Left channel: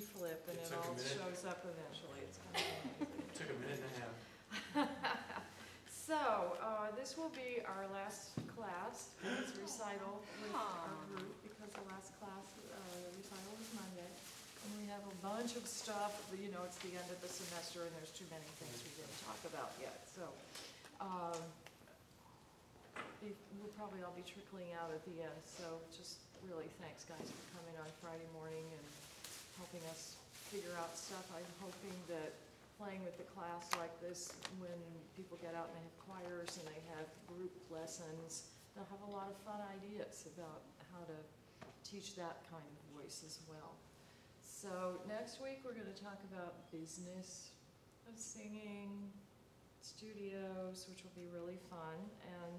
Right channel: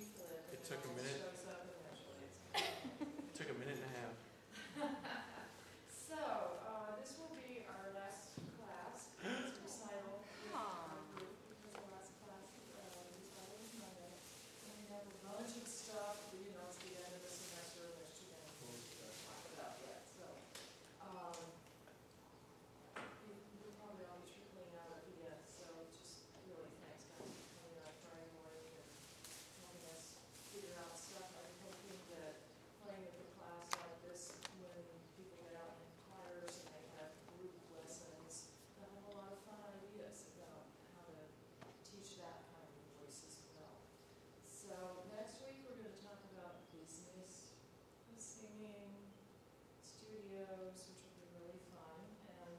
flip and It it took a all minute. shows up eventually. It's kind of It took a minute and a half. So, this will be our last class, and it's recital with our group, because the last class, recital is Monday. And we have a bunch of stuff, you know, it's the end of the semester, and there's too many things we didn't talk about yet, so. We'll probably all be trickling out at the end, so just really thanks, guys, for coming on Friday morning and helping us figure out stuff. I'm hoping that playing with the class like this, when people get out and they have choirs and they have group lessons, they'll have a lot of fun ideas about how to teach that kind of voice as well. So next week we're going to talk about business of singing, studios, which will be really fun. And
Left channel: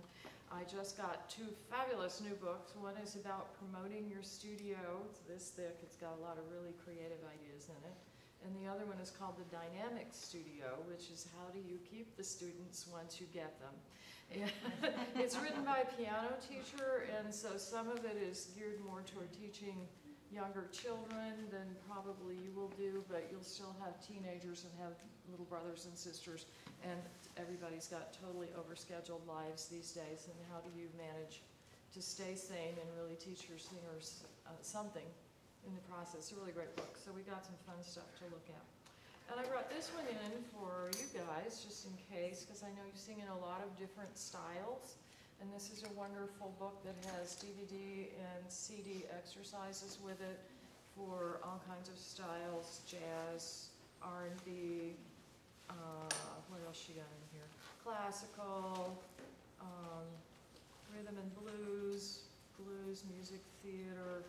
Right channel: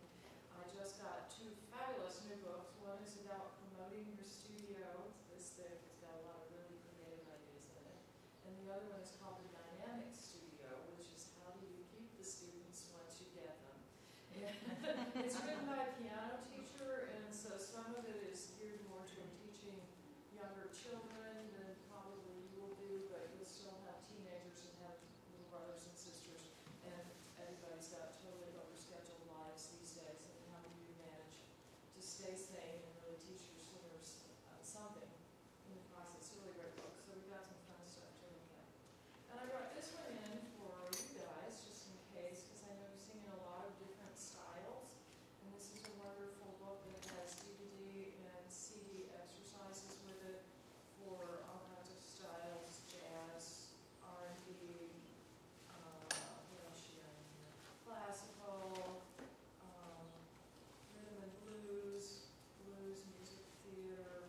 I just got 2 fabulous new books. One is about promoting your studio. It's this thick. It's got a lot of really creative ideas in it. And the other one is called The Dynamic Studio, which is how do you keep the students once you get them. And it's written by a piano teacher, and so some of it is geared more toward teaching younger children than probably you will do, but you'll still have teenagers and have little brothers and sisters, and everybody's got totally overscheduled lives these days, and how do you manage to stay sane and really teach your singers something in the process. It's a really great book, so we got some fun stuff to look at. And I brought this one in for you guys, just in case, because I know you sing in a lot of different styles. And this is a wonderful book that has DVD and CD exercises with it for all kinds of styles, jazz, R&B, what else she got in here? Classical, rhythm and blues, music, theater,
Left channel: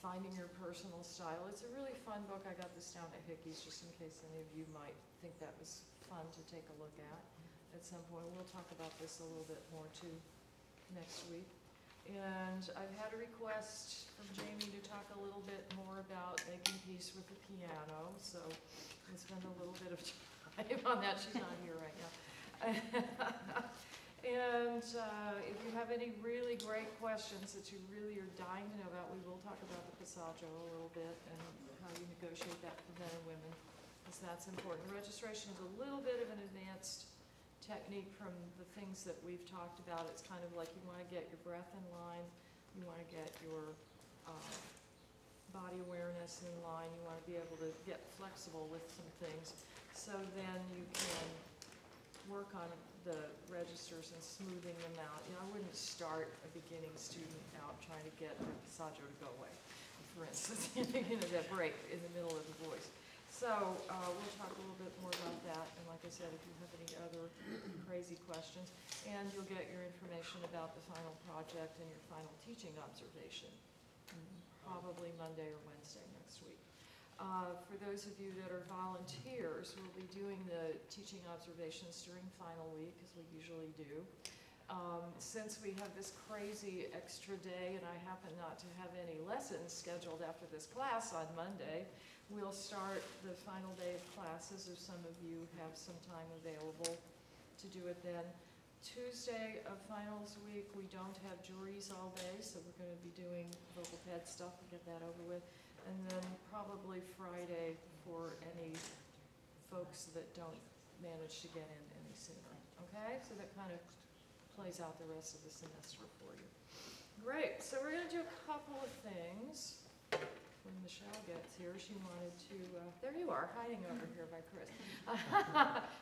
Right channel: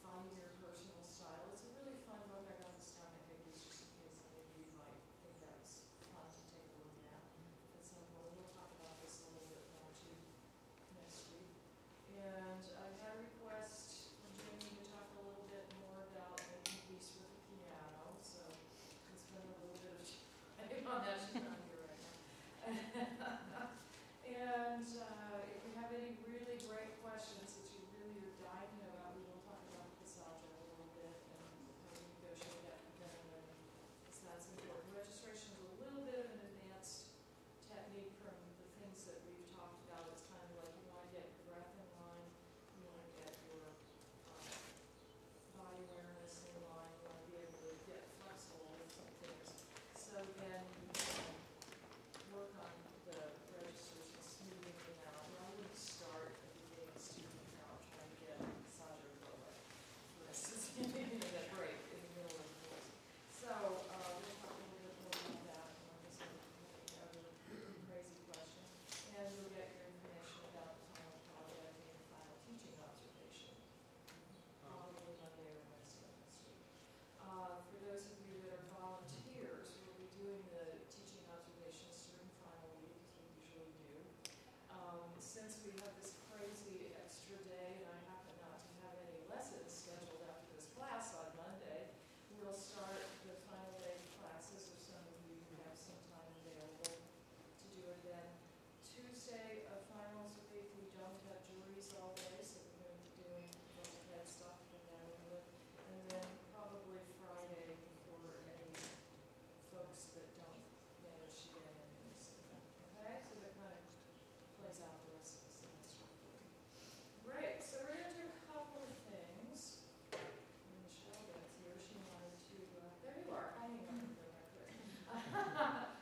finding your personal style. It's a really fun book. I got this down at Hickey's just in case any of you might think that was fun to take a look at some point. We'll talk about this a little bit more too next week. And I've had a request from Jamie to talk a little bit more about making peace with the piano, so I spend a little bit of time on that. She's not here right now. And if you have any really great questions that you really are dying to know about, we will talk about the passaggio a little bit and how you negotiate that for men and women, because that's important. Registration is a little bit of an advanced technique from the things that we've talked about. It's kind of like you want to get your breath in line, you want to get your body awareness in line, you want to be able to get flexible with some things, so then you can work on the registers and smoothing them out. You know, I wouldn't start a beginning student out trying to get the passaggio to go away, for instance, you know, that break in the middle of the voice. So we'll talk a little bit more about that, and like I said, if you have any other crazy questions, and you'll get your information about the final project and your final teaching observation, probably Monday or Wednesday next week. For those of you that are volunteers, we'll be doing the teaching observations during final week, as we usually do. Since we have this crazy extra day, and I happen not to have any lessons scheduled after this class on Monday, we'll start the final day of classes if some of you have some time available to do it then. Tuesday of finals week, we don't have juries all day, so we're going to be doing vocal ped stuff to get that over with. And then probably Friday for any folks that don't manage to get in any sooner. Okay, so that kind of plays out the rest of the semester for you. Great, so we're going to do a couple of things. When Michelle gets here, she wanted to, there you are, hiding over here by Chris.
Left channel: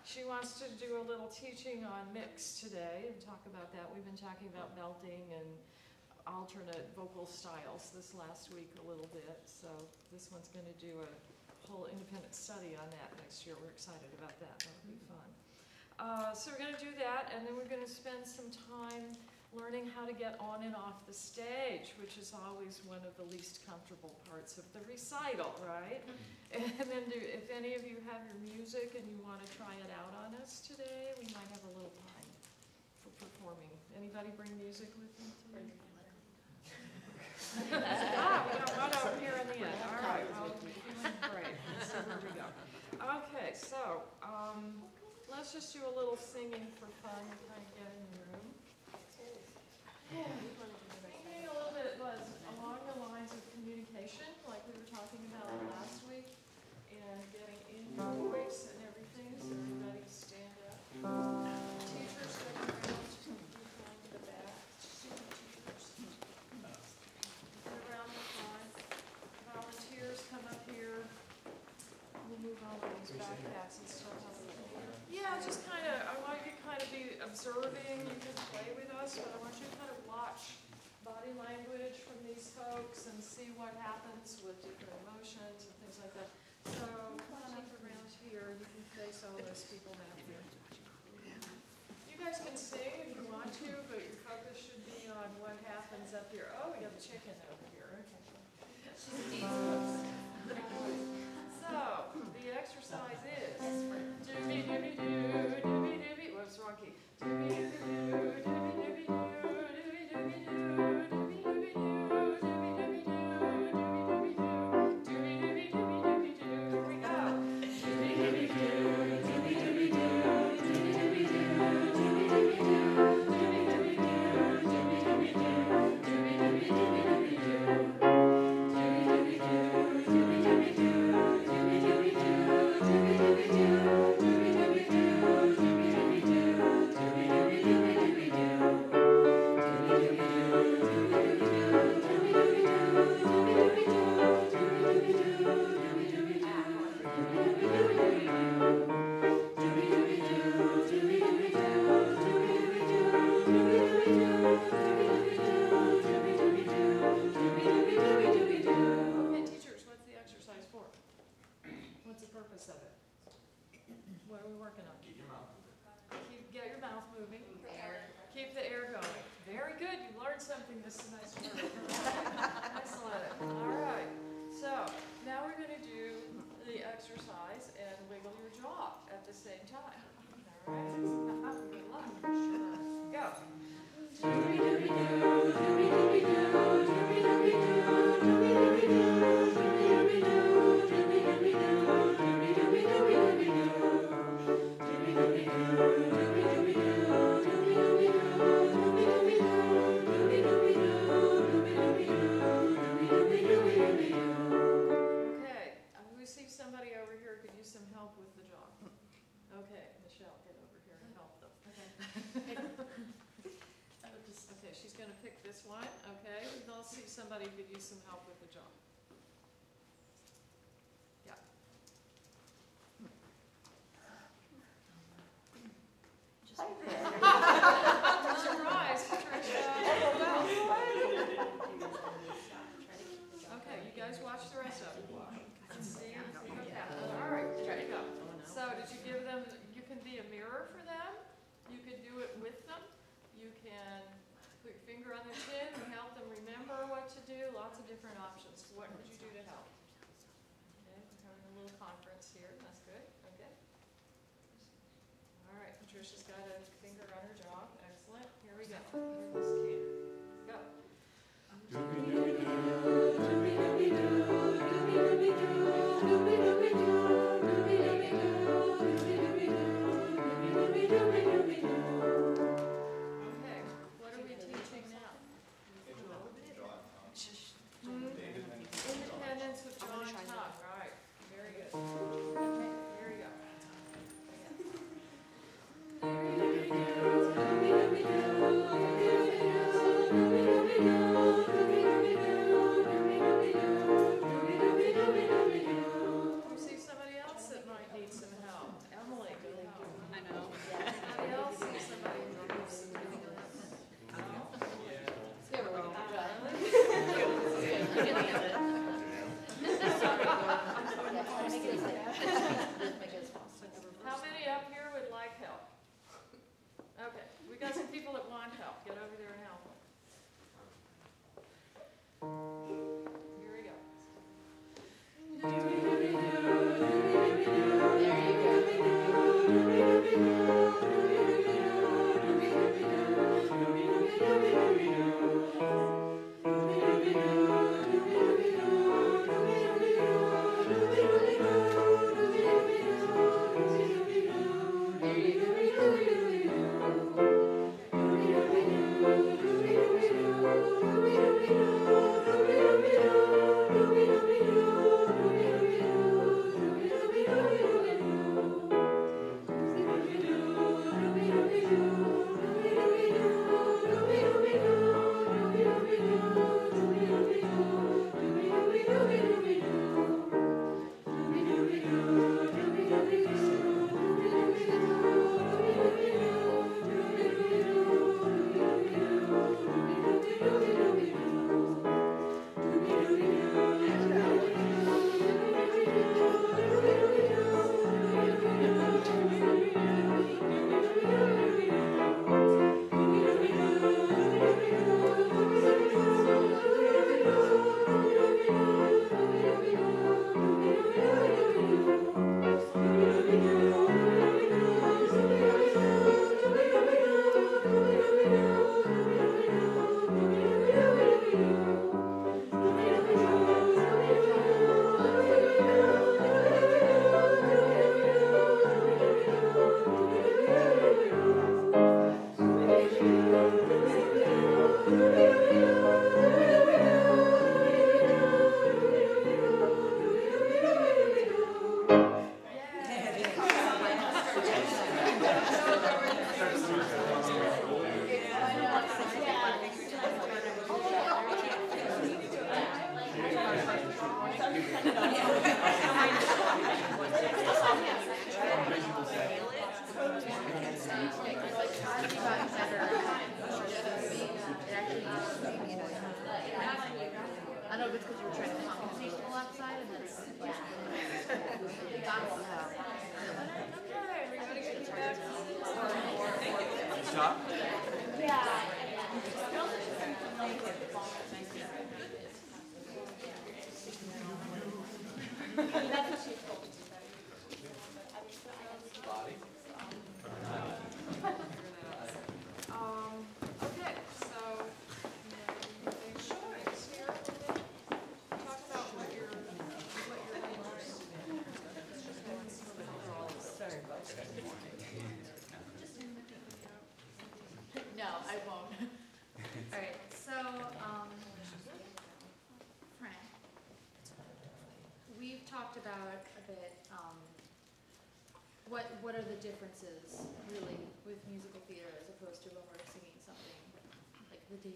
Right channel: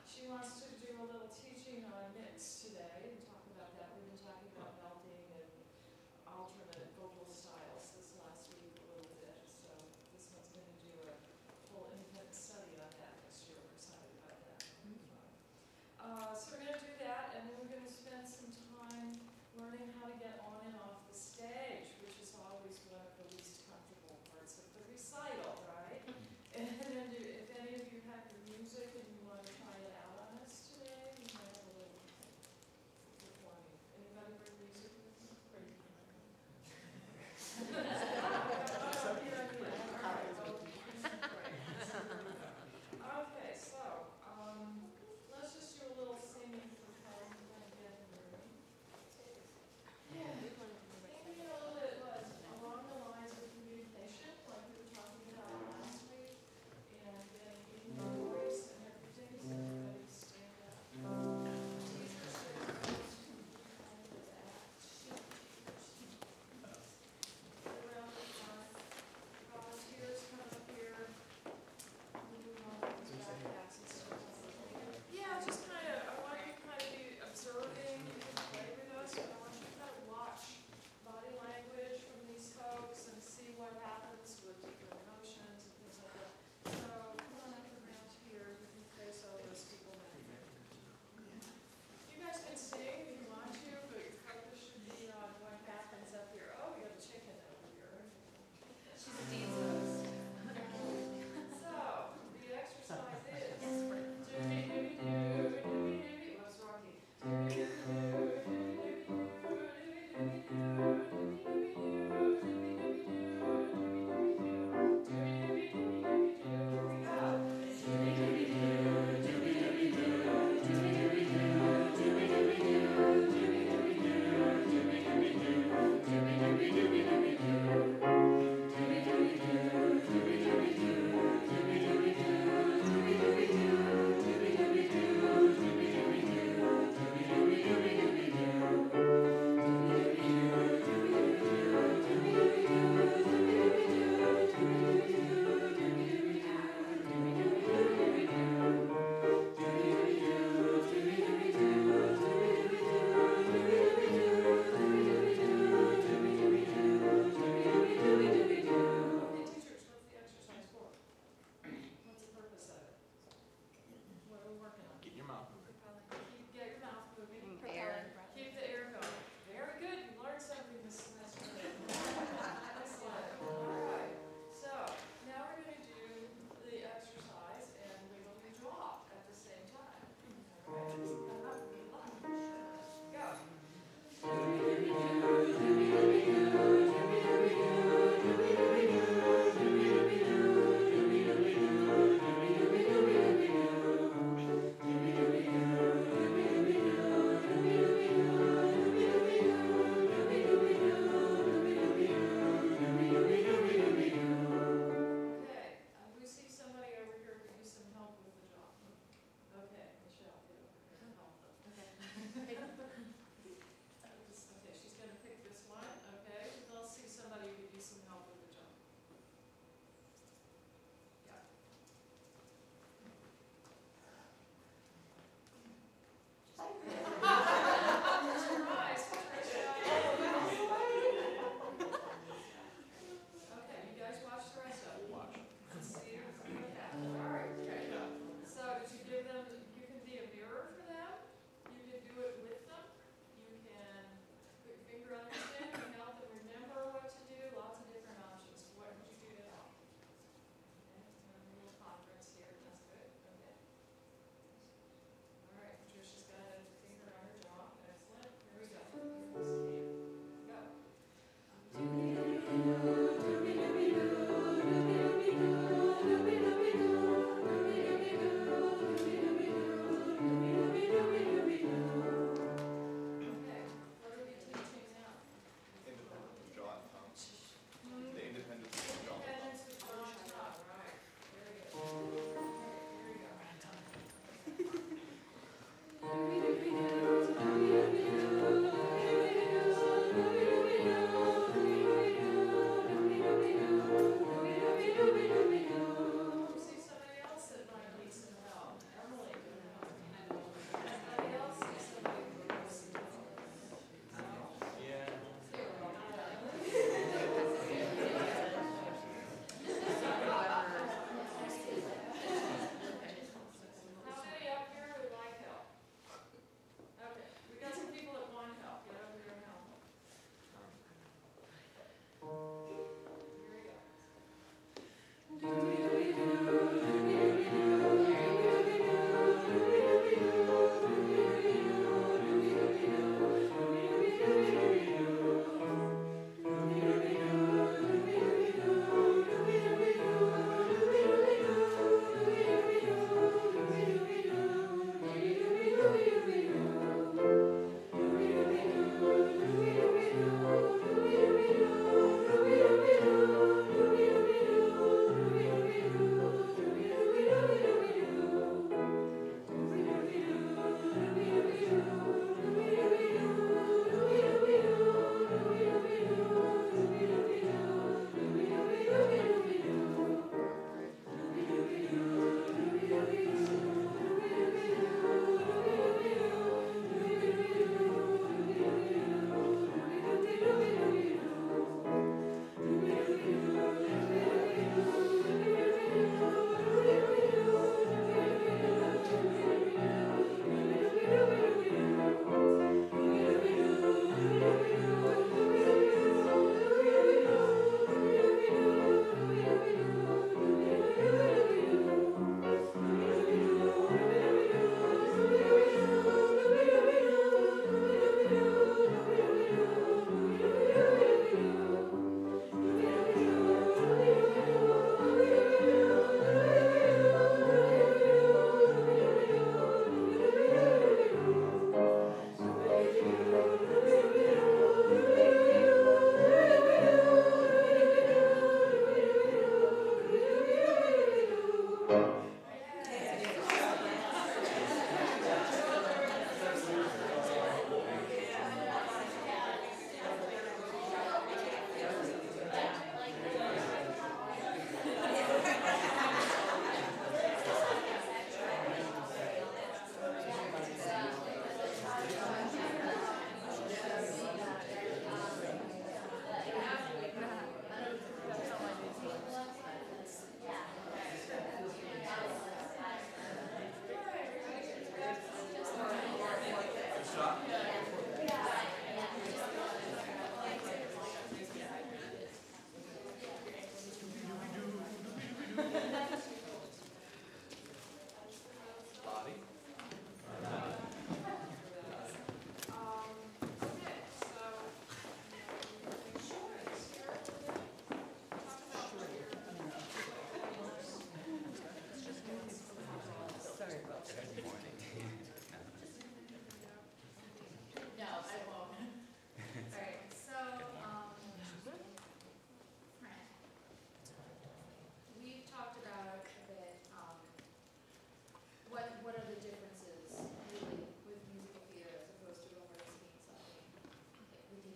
She wants to do a little teaching on mix today and talk about that. We've been talking about belting and alternate vocal styles this last week a little bit, so this one's going to do a whole independent study on that next year. We're excited about that. That'll be fun. So we're going to do that, and then we're going to spend some time learning how to get on and off the stage, which is always one of the least comfortable parts of the recital, right? And then if any of you have your music and you want to try it out on us today, we might have a little time for performing. Anybody bring music with them today? We got one over here in the end. All right, well, great. So here we go. Okay, so let's just do a little singing for fun. Can I get in the room? Maybe a little bit was along the lines of communication, like we were talking about last week. Somebody could use some help with the job. Yeah. Surprise, Patricia. Okay, you guys watch the rest of it. Let's see what happens. All right, here you go. So did you give them, you can be a mirror for them. You can do it with them. You can put your finger on their chin and help them remember what to do. Lots of different options. What would you do to help? Okay, we're having a little conference here. That's good. Okay. All right, Patricia's got a finger on her jaw. Excellent. Here we go. Go.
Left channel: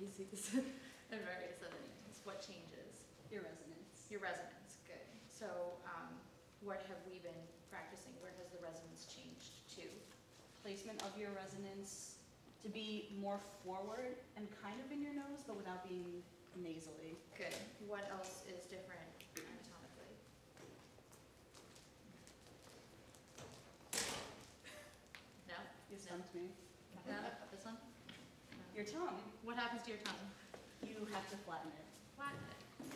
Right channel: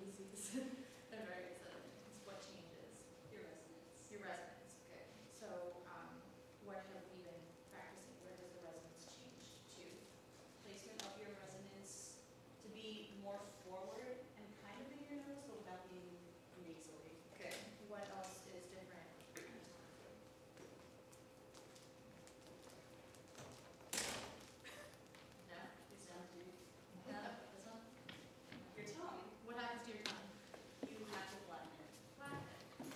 parentheses and various other things. What changes? Your resonance. Your resonance, good. So, what have we been practicing? Where has the resonance changed to? Placement of your resonance to be more forward and kind of in your nose, but without being nasally. Good. What else is different anatomically? No? You stumped me. No? This one? Your tongue, What happens to your tongue? you have to flatten it. Flatten it.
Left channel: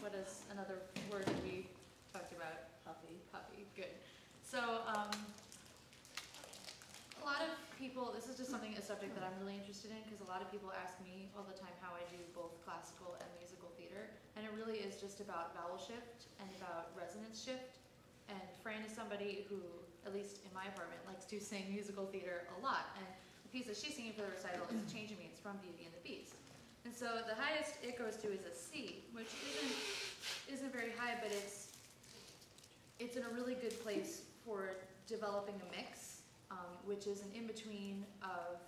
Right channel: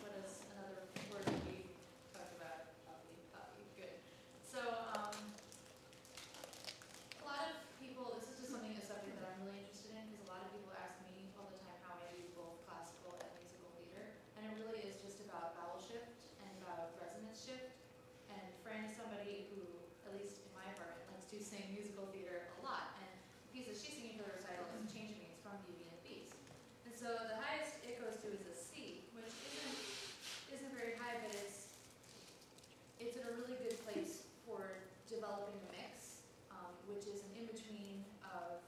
What is another word that we talked about? Puffy. Puppy. Good. So, a lot of people, this is just something, a subject that I'm really interested in, because a lot of people ask me all the time how I do both classical and musical theater, and it really is just about vowel shift and about resonance shift. And Fran is somebody who, at least in my apartment, likes to sing musical theater a lot, and the piece that she's singing for the recital is Changing Me. It's from Beauty and the Beast. And so the highest it goes to is a C, which isn't very high, but it's in a really good place for developing a mix, which is an in-between of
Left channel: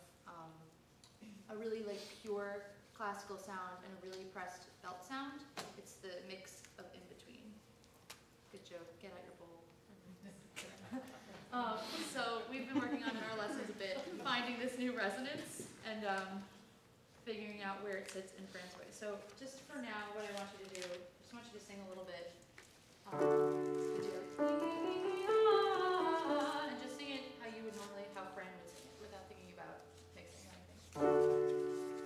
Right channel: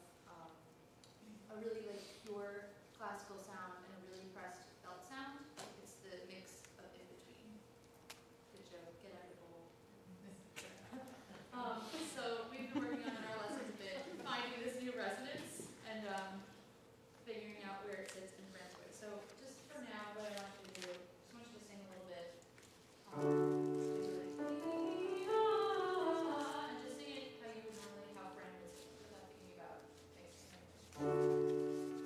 a really like pure classical sound and a really pressed belt sound. It's the mix of in-between. Good joke, get out your bowl. So we've been working on in our lessons a bit, finding this new resonance and figuring out where it sits in Fran's way. So just for now, what I want you to do, I just want you to sing a little bit. And just sing it how you would normally, how Fran would sing it, without thinking about mixing anything.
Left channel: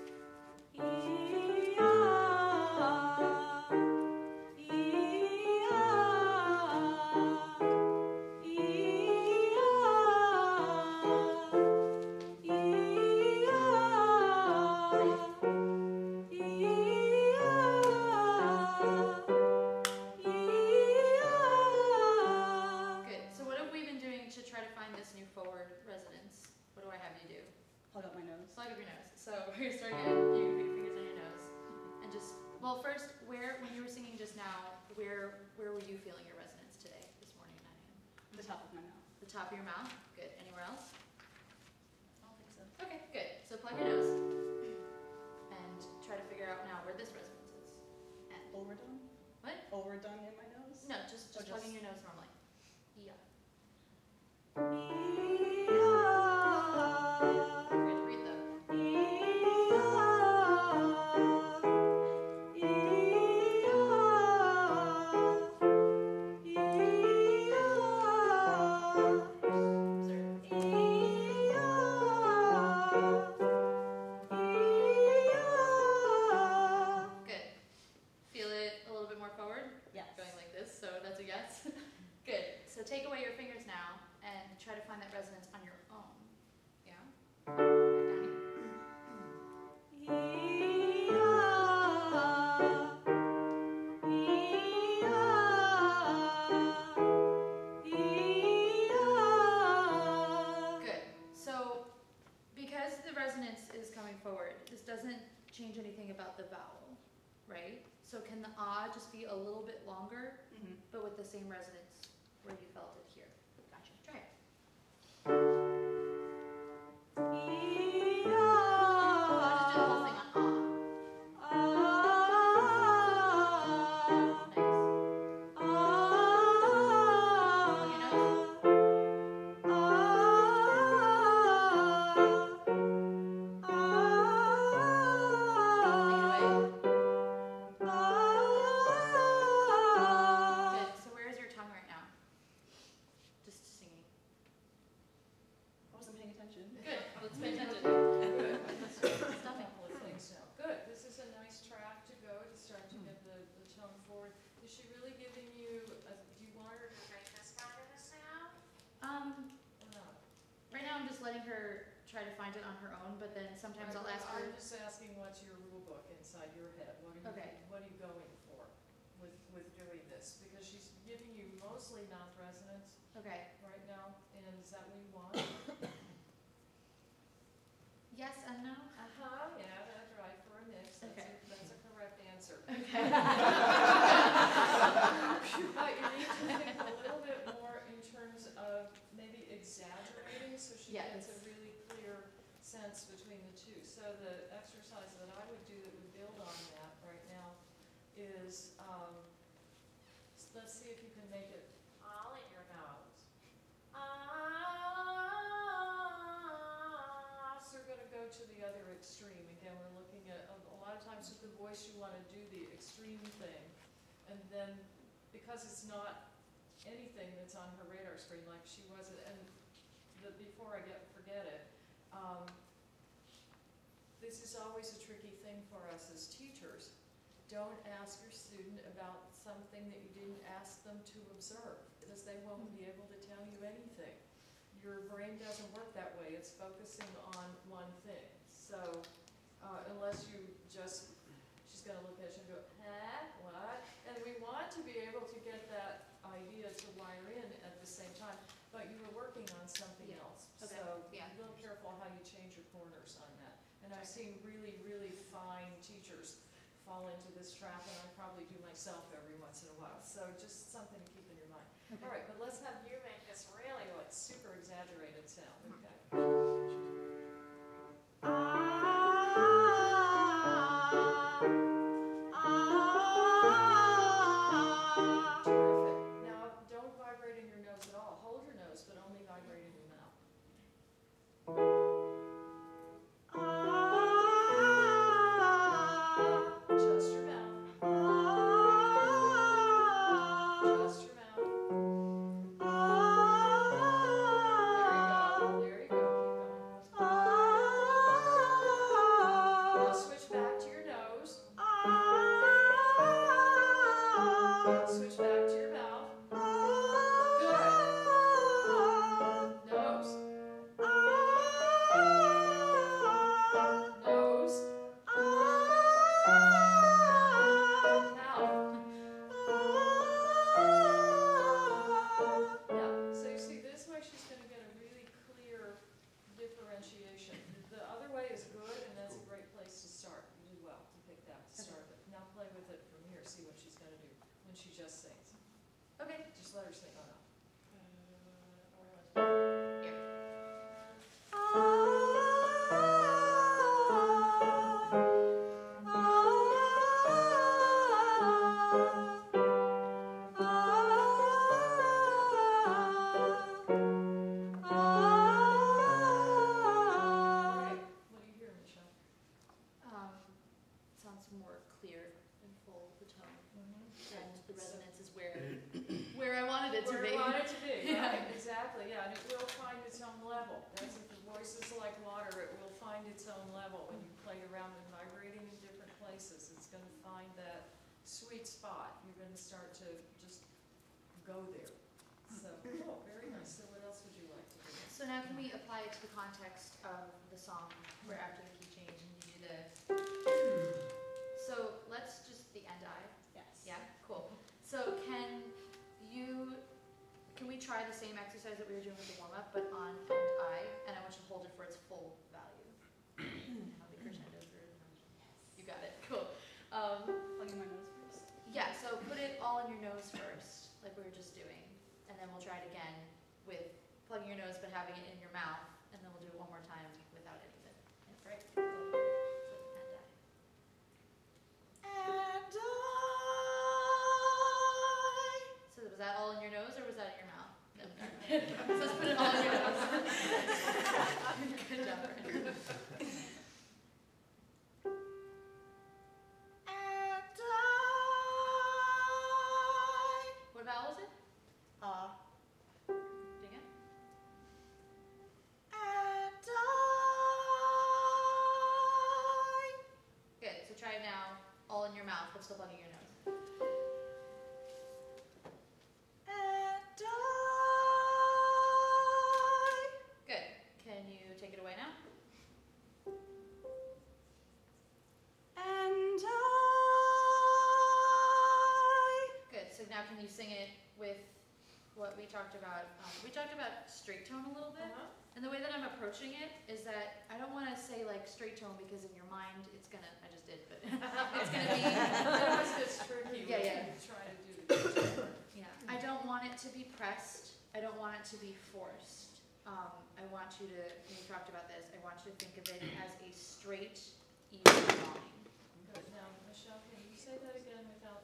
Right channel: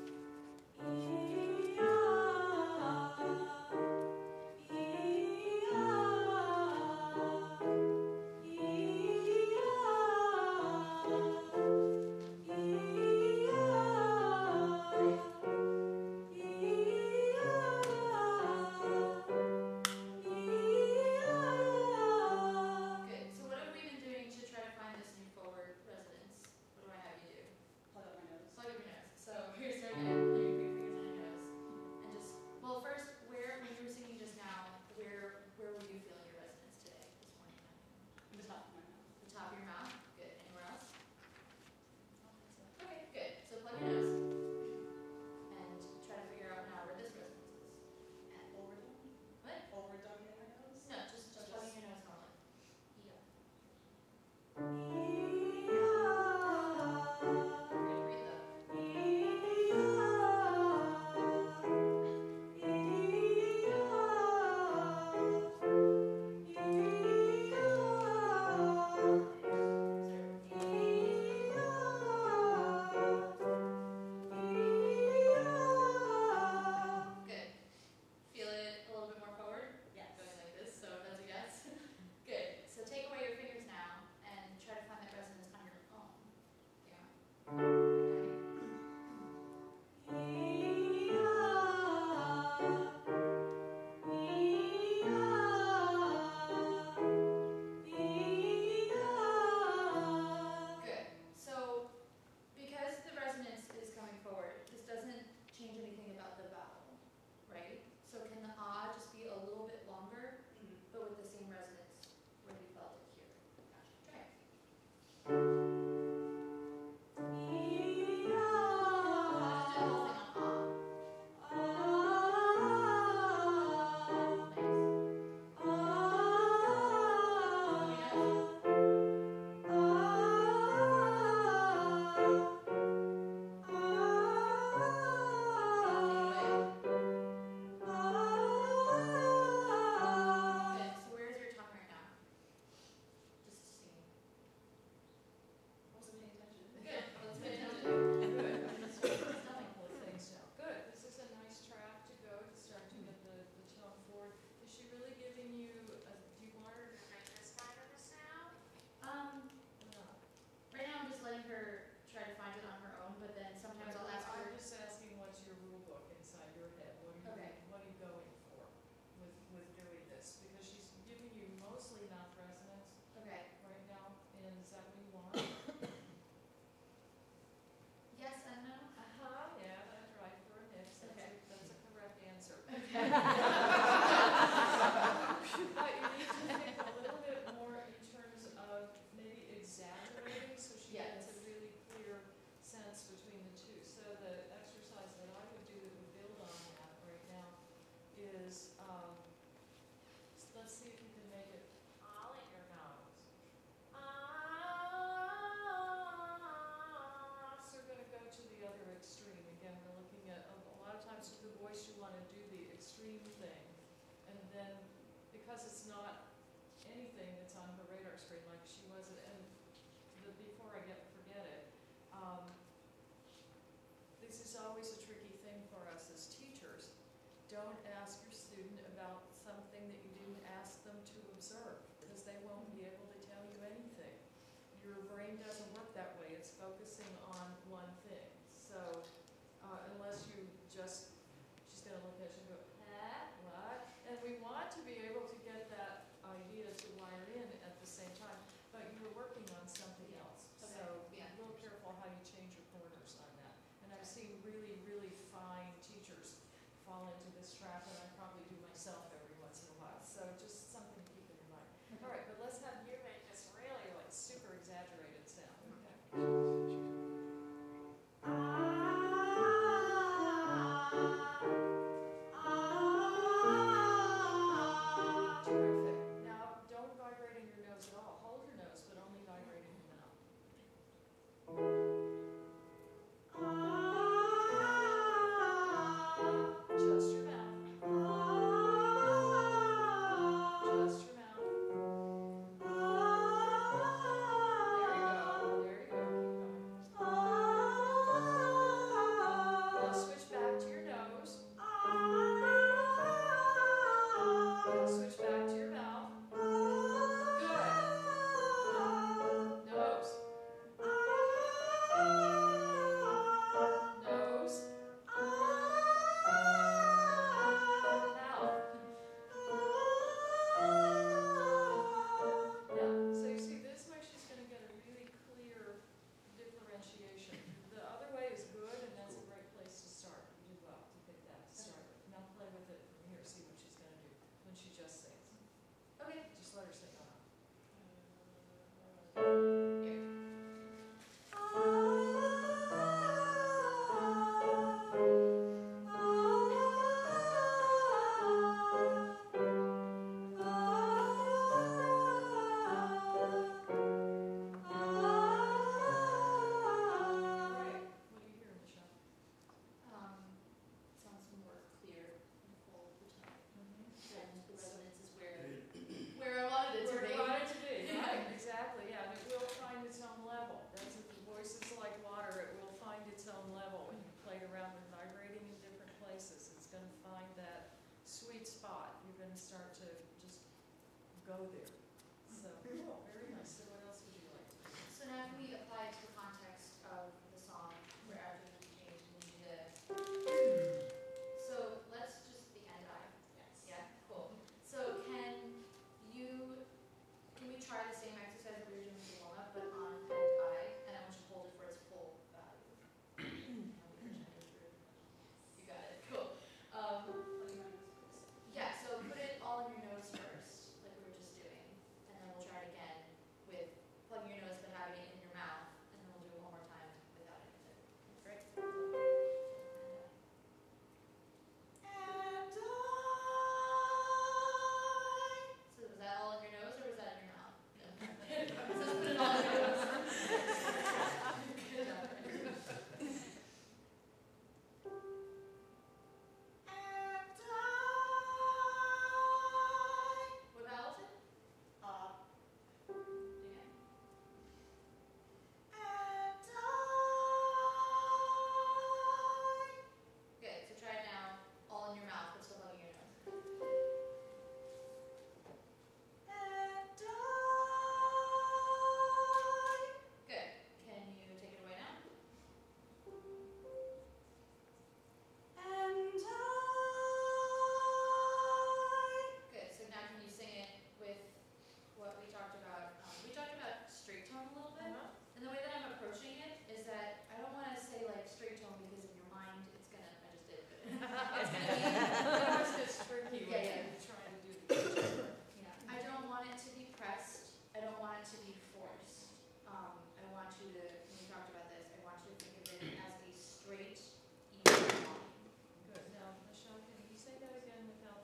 Good. So what have we been doing to try to find this new forward resonance? What do I have you do? Plug up my nose. Plug up your nose. So we're gonna start again. You can put your fingers on your nose. And just, well, first, when you were singing just now, where were you feeling your resonance today, this morning, 9 a.m.? The top of my mouth. The top of your mouth? Good. Anywhere else? Okay, good. So plug your nose and try to figure out now where this resonance is. And Overdone? what? Overdone in my nose? No, just Or plugging just- your nose normally. Yeah. Good. Breathe though. Good. Feel it a little bit more forward? Yes. Going like this, so that's a yes. Good. So take away your fingers now and try to find that resonance on your own. Yeah? Down here. Good. So because the resonance is coming forward, this doesn't change anything about the vowel, right? So can the ah just be a little bit longer, Mhm. but with the same resonance where you felt it here? Gotcha. Try it. Just do the whole thing on Good. So where is your tongue right now? Just singing. I wasn't paying attention. Good. Let's pay attention. Good. A couple of things now. Good. This is a nice track to go to start to get the tone forward. Is she really giving you, do you want her to make this kind of a sound or not? Right now I'm just letting her try to find it on her own, but then sometimes I'll ask her. I'm just asking what's your rule book inside your head? Okay. What are you going for with doing this? Because she's giving you mostly mouth resonance Okay. right now, and is that what you want? Yes and no. Yeah, that's right, for a mix, Okay. that's a correct answer. Okay. But you need to think a little bit more in terms of maybe exaggerating, so she gets a Yes. really clear sense between the two. So the exercise that I would do that would build is, let's see if you can make it all in your nose. So we're gonna go to the other extreme. Again, we're looking at, a lot of times with the voice, you wanna do the extreme thing. And then, because it's not anything that's on her radar screen like she was, and before I forget it, this is always a tricky thing for us as teachers. Don't ask your student about something that you didn't ask them to observe, because they won't be able to tell you anything. Your brain doesn't work that way. It's focusing on one thing. So unless you just, she's gonna look at you and go, huh, what? And we want to be able to get that idea to wire in at the same time, but you were working on something else. Okay. So be Yeah. a little careful how you change your corners on that. And I've seen really, really fine teachers fall into this trap, and I probably do myself every once in a while. So just something to keep in your mind. All right, but let's have you make this really like super exaggerated sound, okay? Terrific. Now, don't vibrate in your nose at all. Hold your nose, but only vibrate in your mouth. Just your mouth. Just your mouth. There you go. There you go. Keep going. Now switch back to your nose. Now switch back to your mouth. Good. Nose. Nose. Mouth. Yeah, so you see, this way she's going to get a really clear differentiation. The other way is good, and that's a great place to start. You did well to pick that to start with. Now play with it from here, see what she's going to do when she just sings. Okay. Just let her sing on up. Here. Great. What do you hear, Michelle? Sounds more clear and full the tone. Mm-hmm. And the resonance is where I wanted it to Where be. you want it to be, Yeah. right, exactly, yeah, and it will find its own level. That's if the voice is like water, it will find its own level. When you played around with vibrating in different places, it's gonna find that sweet spot. You're gonna start to just go there. So, cool, very nice. So what else would you like to do? So now can we apply it to the context of the song where after the key change and you do the. So let's just the end eye. Yes. Yeah, cool. So can we try the same exercise that we were doing with the warm up, but on end eye, and I want you to hold it for its full value. How the crescendo through. You got it. Cool. Plugging my nose first. Yeah. So put it all in your nose first, like we were just doing, and then we'll try it again with plugging your nose but having it in your mouth, and then we'll do it one more time without any of it. Yeah, great. And I. So was that all in your nose or was that in your mouth? No. So let's put it all in your nose. Good job. What vowel is it? Ding it. Good. So try it now, all in your mouth, but still plugging your nose. Good. Can you take it away now? Good. So now can you sing it with what we talked about? We talked about straight tone a little bit. And the way that I'm approaching it is that I don't want to say like straight tone because in your mind it's gonna, I just did, but it's gonna be, It always gets tricky when Yeah, yeah. you try to do the teaching part. yeah. I don't want it to be pressed. I don't want it to be forced. I want you to, when we talked about this, I want you to think of it as a straight, even line. Good. Now, Michelle, can you say that again without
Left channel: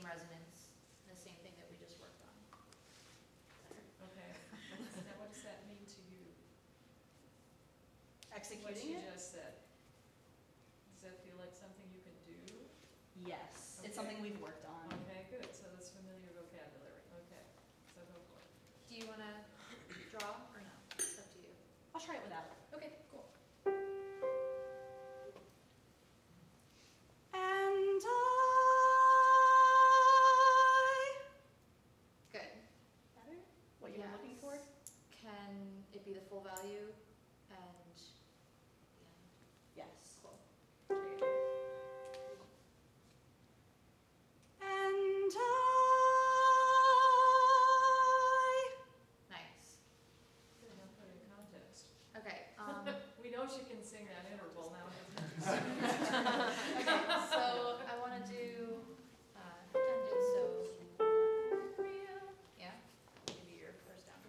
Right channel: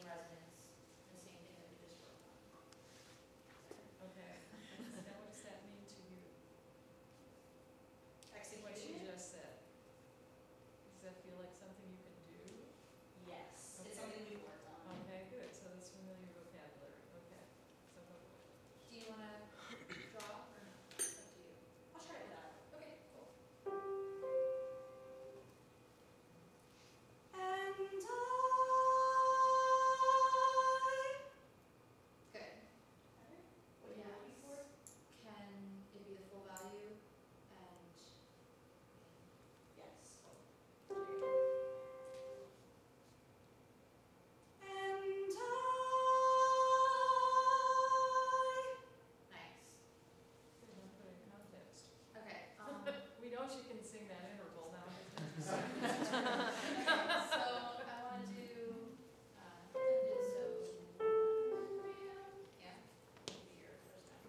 same resonance, the same thing that we just worked on. Okay. Now what does that mean to you? What she Executing it? just said? Does that feel like something you can do? Yes, it's Okay. something we've worked on. Okay, good, so that's familiar vocabulary, okay, so go for it. Do you wanna draw or no? It's up to you. I'll try it without. Okay, cool. And Good. better? What you're looking for? Can it be the full value and the end? Yes. Cool. And Nice. Good, now put it in context. Okay, We know she can sing that interval now, okay, so I wanna do, pretend it's so real. Yeah. Maybe your first down.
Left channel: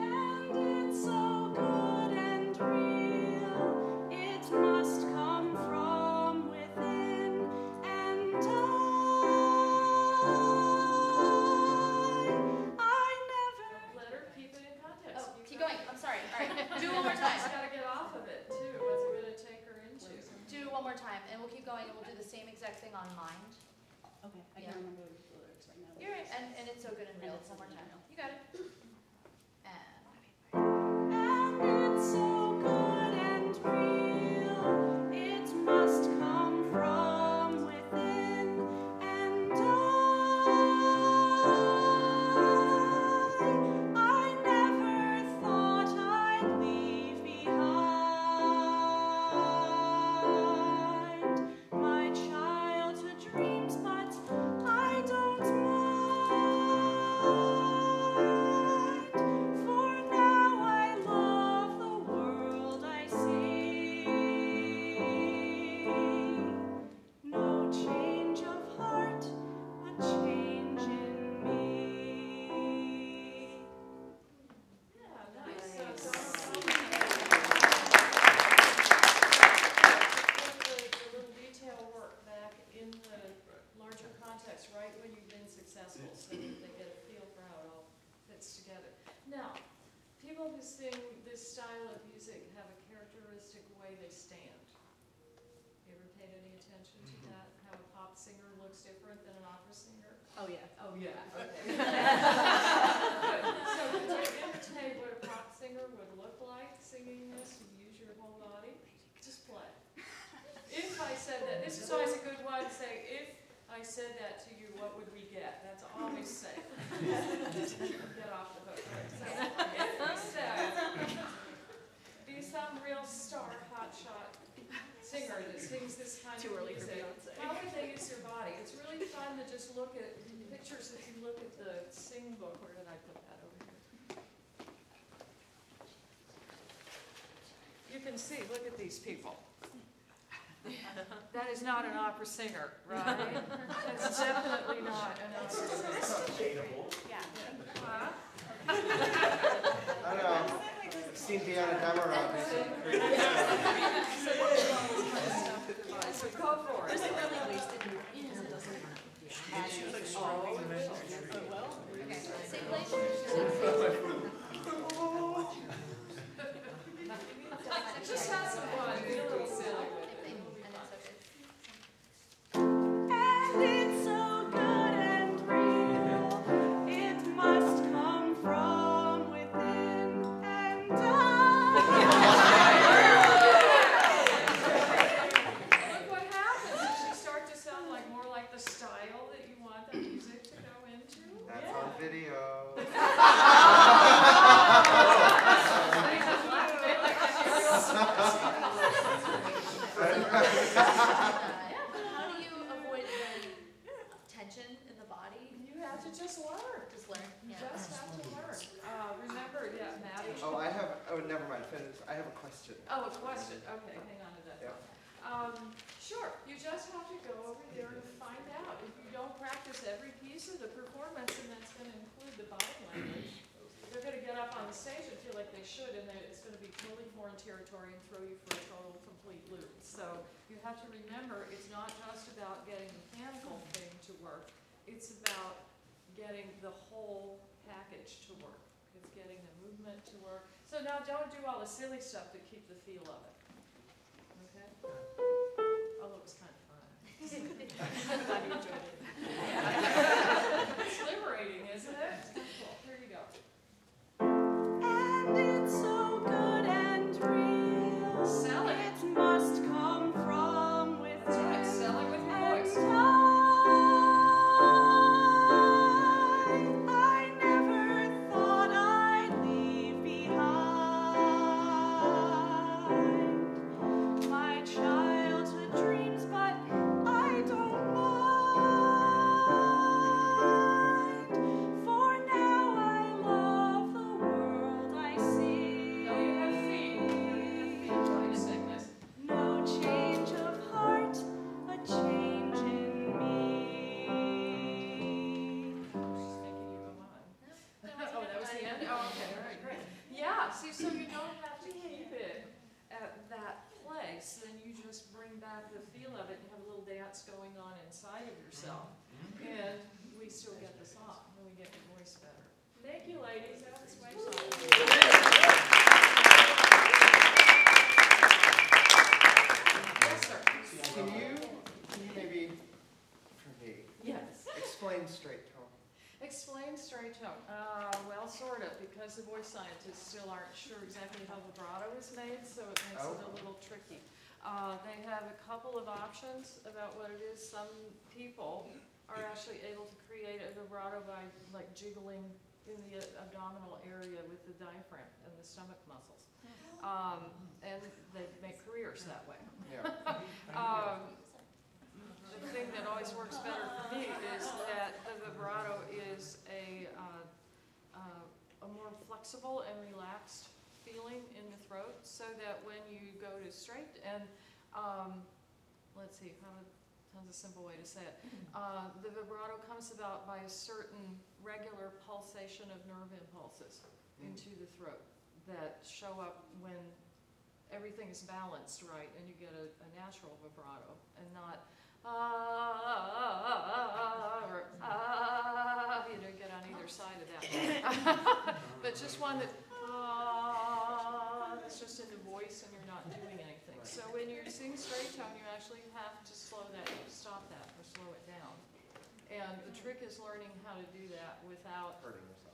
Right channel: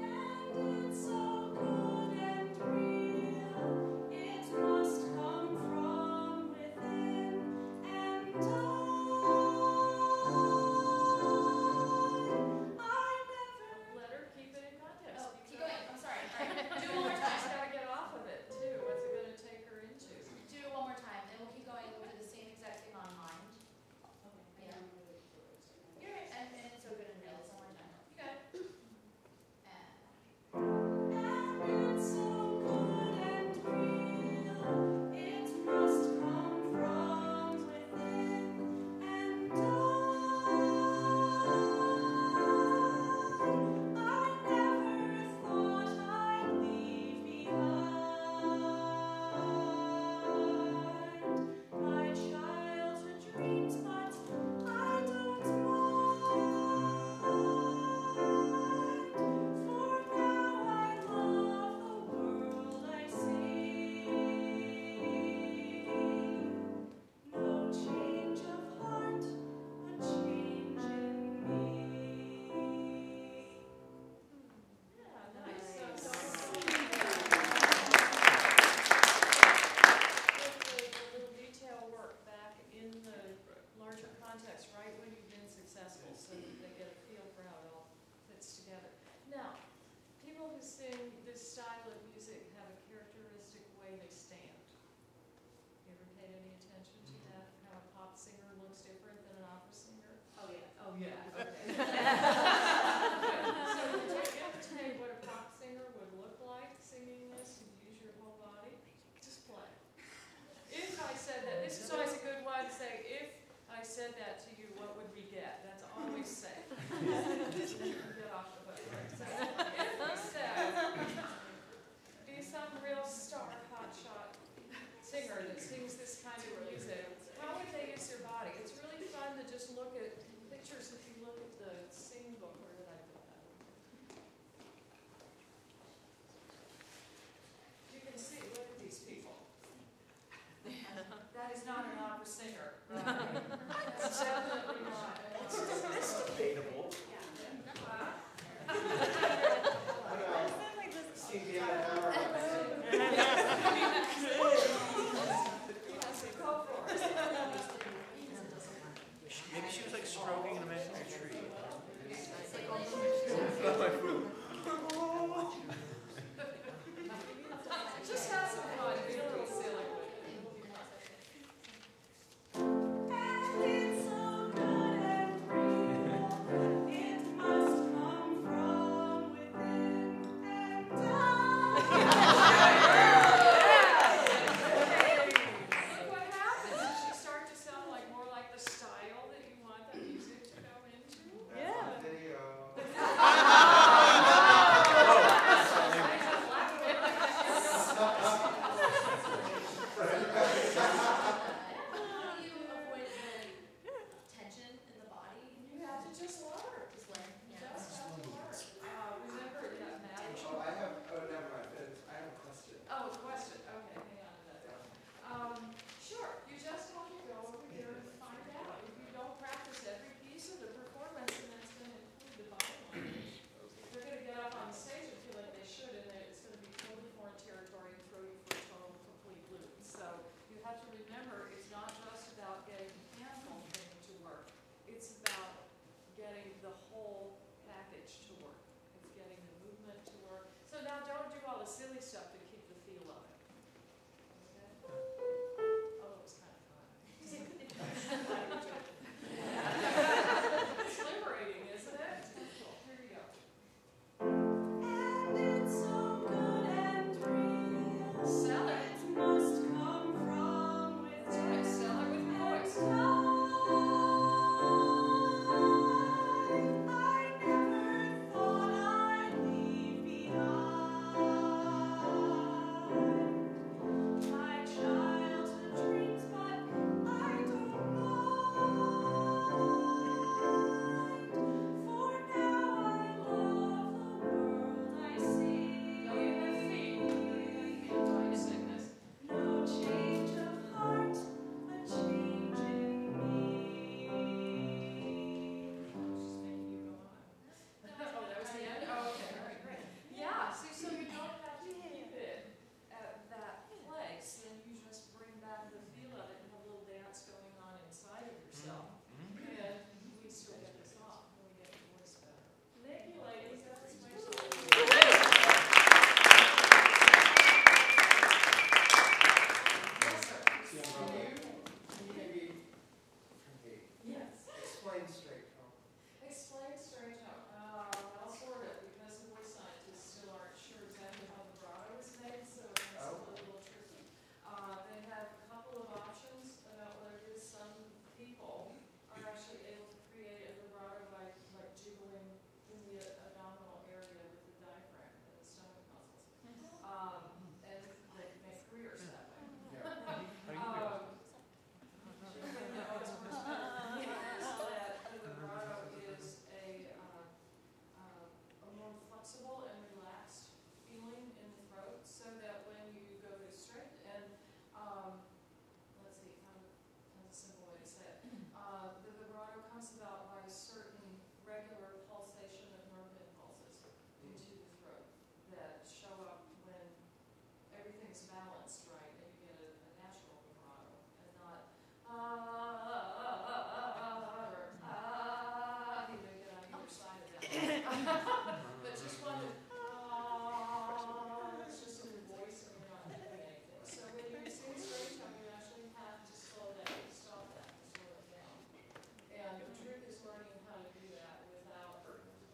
And it's so good and real, it must come from within. And I never. let her keep it in context. Oh, You've keep got- going, I'm sorry, alright, do it one more time. She's gotta get off of it too, what's it gonna take her into? Do it one more time, and we'll keep going, and we'll do the same exact thing on mind. Okay, I Yeah. can't remember the lyrics right now. You're right, and it's so good and real, one more time. You got it. And. And it's so good and real, it must come from within. And I never thought I'd leave behind my childhood dreams, but I don't mind. For now I love the world I see. No change of heart, a change in me. Yeah, nice. So Nice. the little detail work back in the larger context, right when you've been successful, so that they get a feel for how it all fits together. Now, people who sing this style of music have a characteristic way they stand. You ever paid any attention to that? How a pop singer looks different than an opera singer? Oh, yeah. Oh, yeah, okay. So could you imitate what a pop singer would look like singing this and use your whole body? Just play. If I said that, this is always a good one, say, if I said that to you, what would we get? That's always safe. Get off the hook. So if we said, be some real star, hotshot singer that sings this kind of music, how would they use their body? It's really fun to just look at pictures. If you look at the sing book, where did I put that over here? You can see, look at these people. That is not an opera singer, right? That's definitely not an opera singer. That's debatable. Huh? I don't know. Seen behind the camera. So go for it. Maybe she was like stroking the message tree. Just have some fun, be a little silly with it. It'll be fun. And it's so good and real, it must come from within. And Look what happens. Does she start to sound like more like the style that you want the music to go into? That's on video. How do you avoid the tension in the body? You have to just learn. Just learn. You Yeah. just have to learn. Remember, yeah, Maddie. Oh, I have. Oh, never mind. Finish. I have a question. Oh, a question, okay, hang on to that. Sure, you just have to go over there and find out. If you don't practice every piece of the performance, and that's gonna include the body language, they're gonna get up on the stage and feel like they should, and it's gonna be totally foreign territory and throw you for a total complete loop. So you have to remember, it's not just about getting mechanical getting the whole package to work. It's getting the movement to work. So now don't do all the silly stuff to keep the feel of it. Okay? Although it was kind of fun. Glad you enjoyed it. Yeah. It's liberating, isn't it? Here you go. And it's so good and real. Sell it. It must come from within. That's right. Sell it with your voice. I never thought I'd leave behind my childhood dreams, but I don't mind. For now I love the world I see. No, you have feet. You have feet while you sing this. No change of heart, a change in me. She's making you go on. Oh, that was the end? Oh, okay, all right, great. Yeah, see, so you don't have to keep it at that place, then you just bring back the feel of it and have a little dance going on inside of yourself. And we still get this off, and we get your voice better. Thank you, ladies. That was my song. Yes, sir. Can you maybe, for me, Yes. explain straight tone? Explain straight tone. Well, sort of, because the voice scientists still aren't sure exactly how vibrato is made, so it makes it a little tricky. They have a couple of options about what it is. Some people are actually able to create a vibrato by like jiggling in the abdominal area with the diaphragm and the stomach muscles. And they make careers that way. Yeah. The thing that always works better for me is that the vibrato is a more flexible and relaxed feeling in the throat, so that when you go to straight and let's see, how's a simple way to say it? The vibrato comes about by a certain regular pulsation of nerve impulses into the throat that show up when everything is balanced right, and you get a natural vibrato, and not or you don't get on either side of that. But just one that it's just in the voice, and you're not doing anything. So when you sing straight tone, you actually have to slow that, stop that, or slow it down. And the trick is learning how to do that without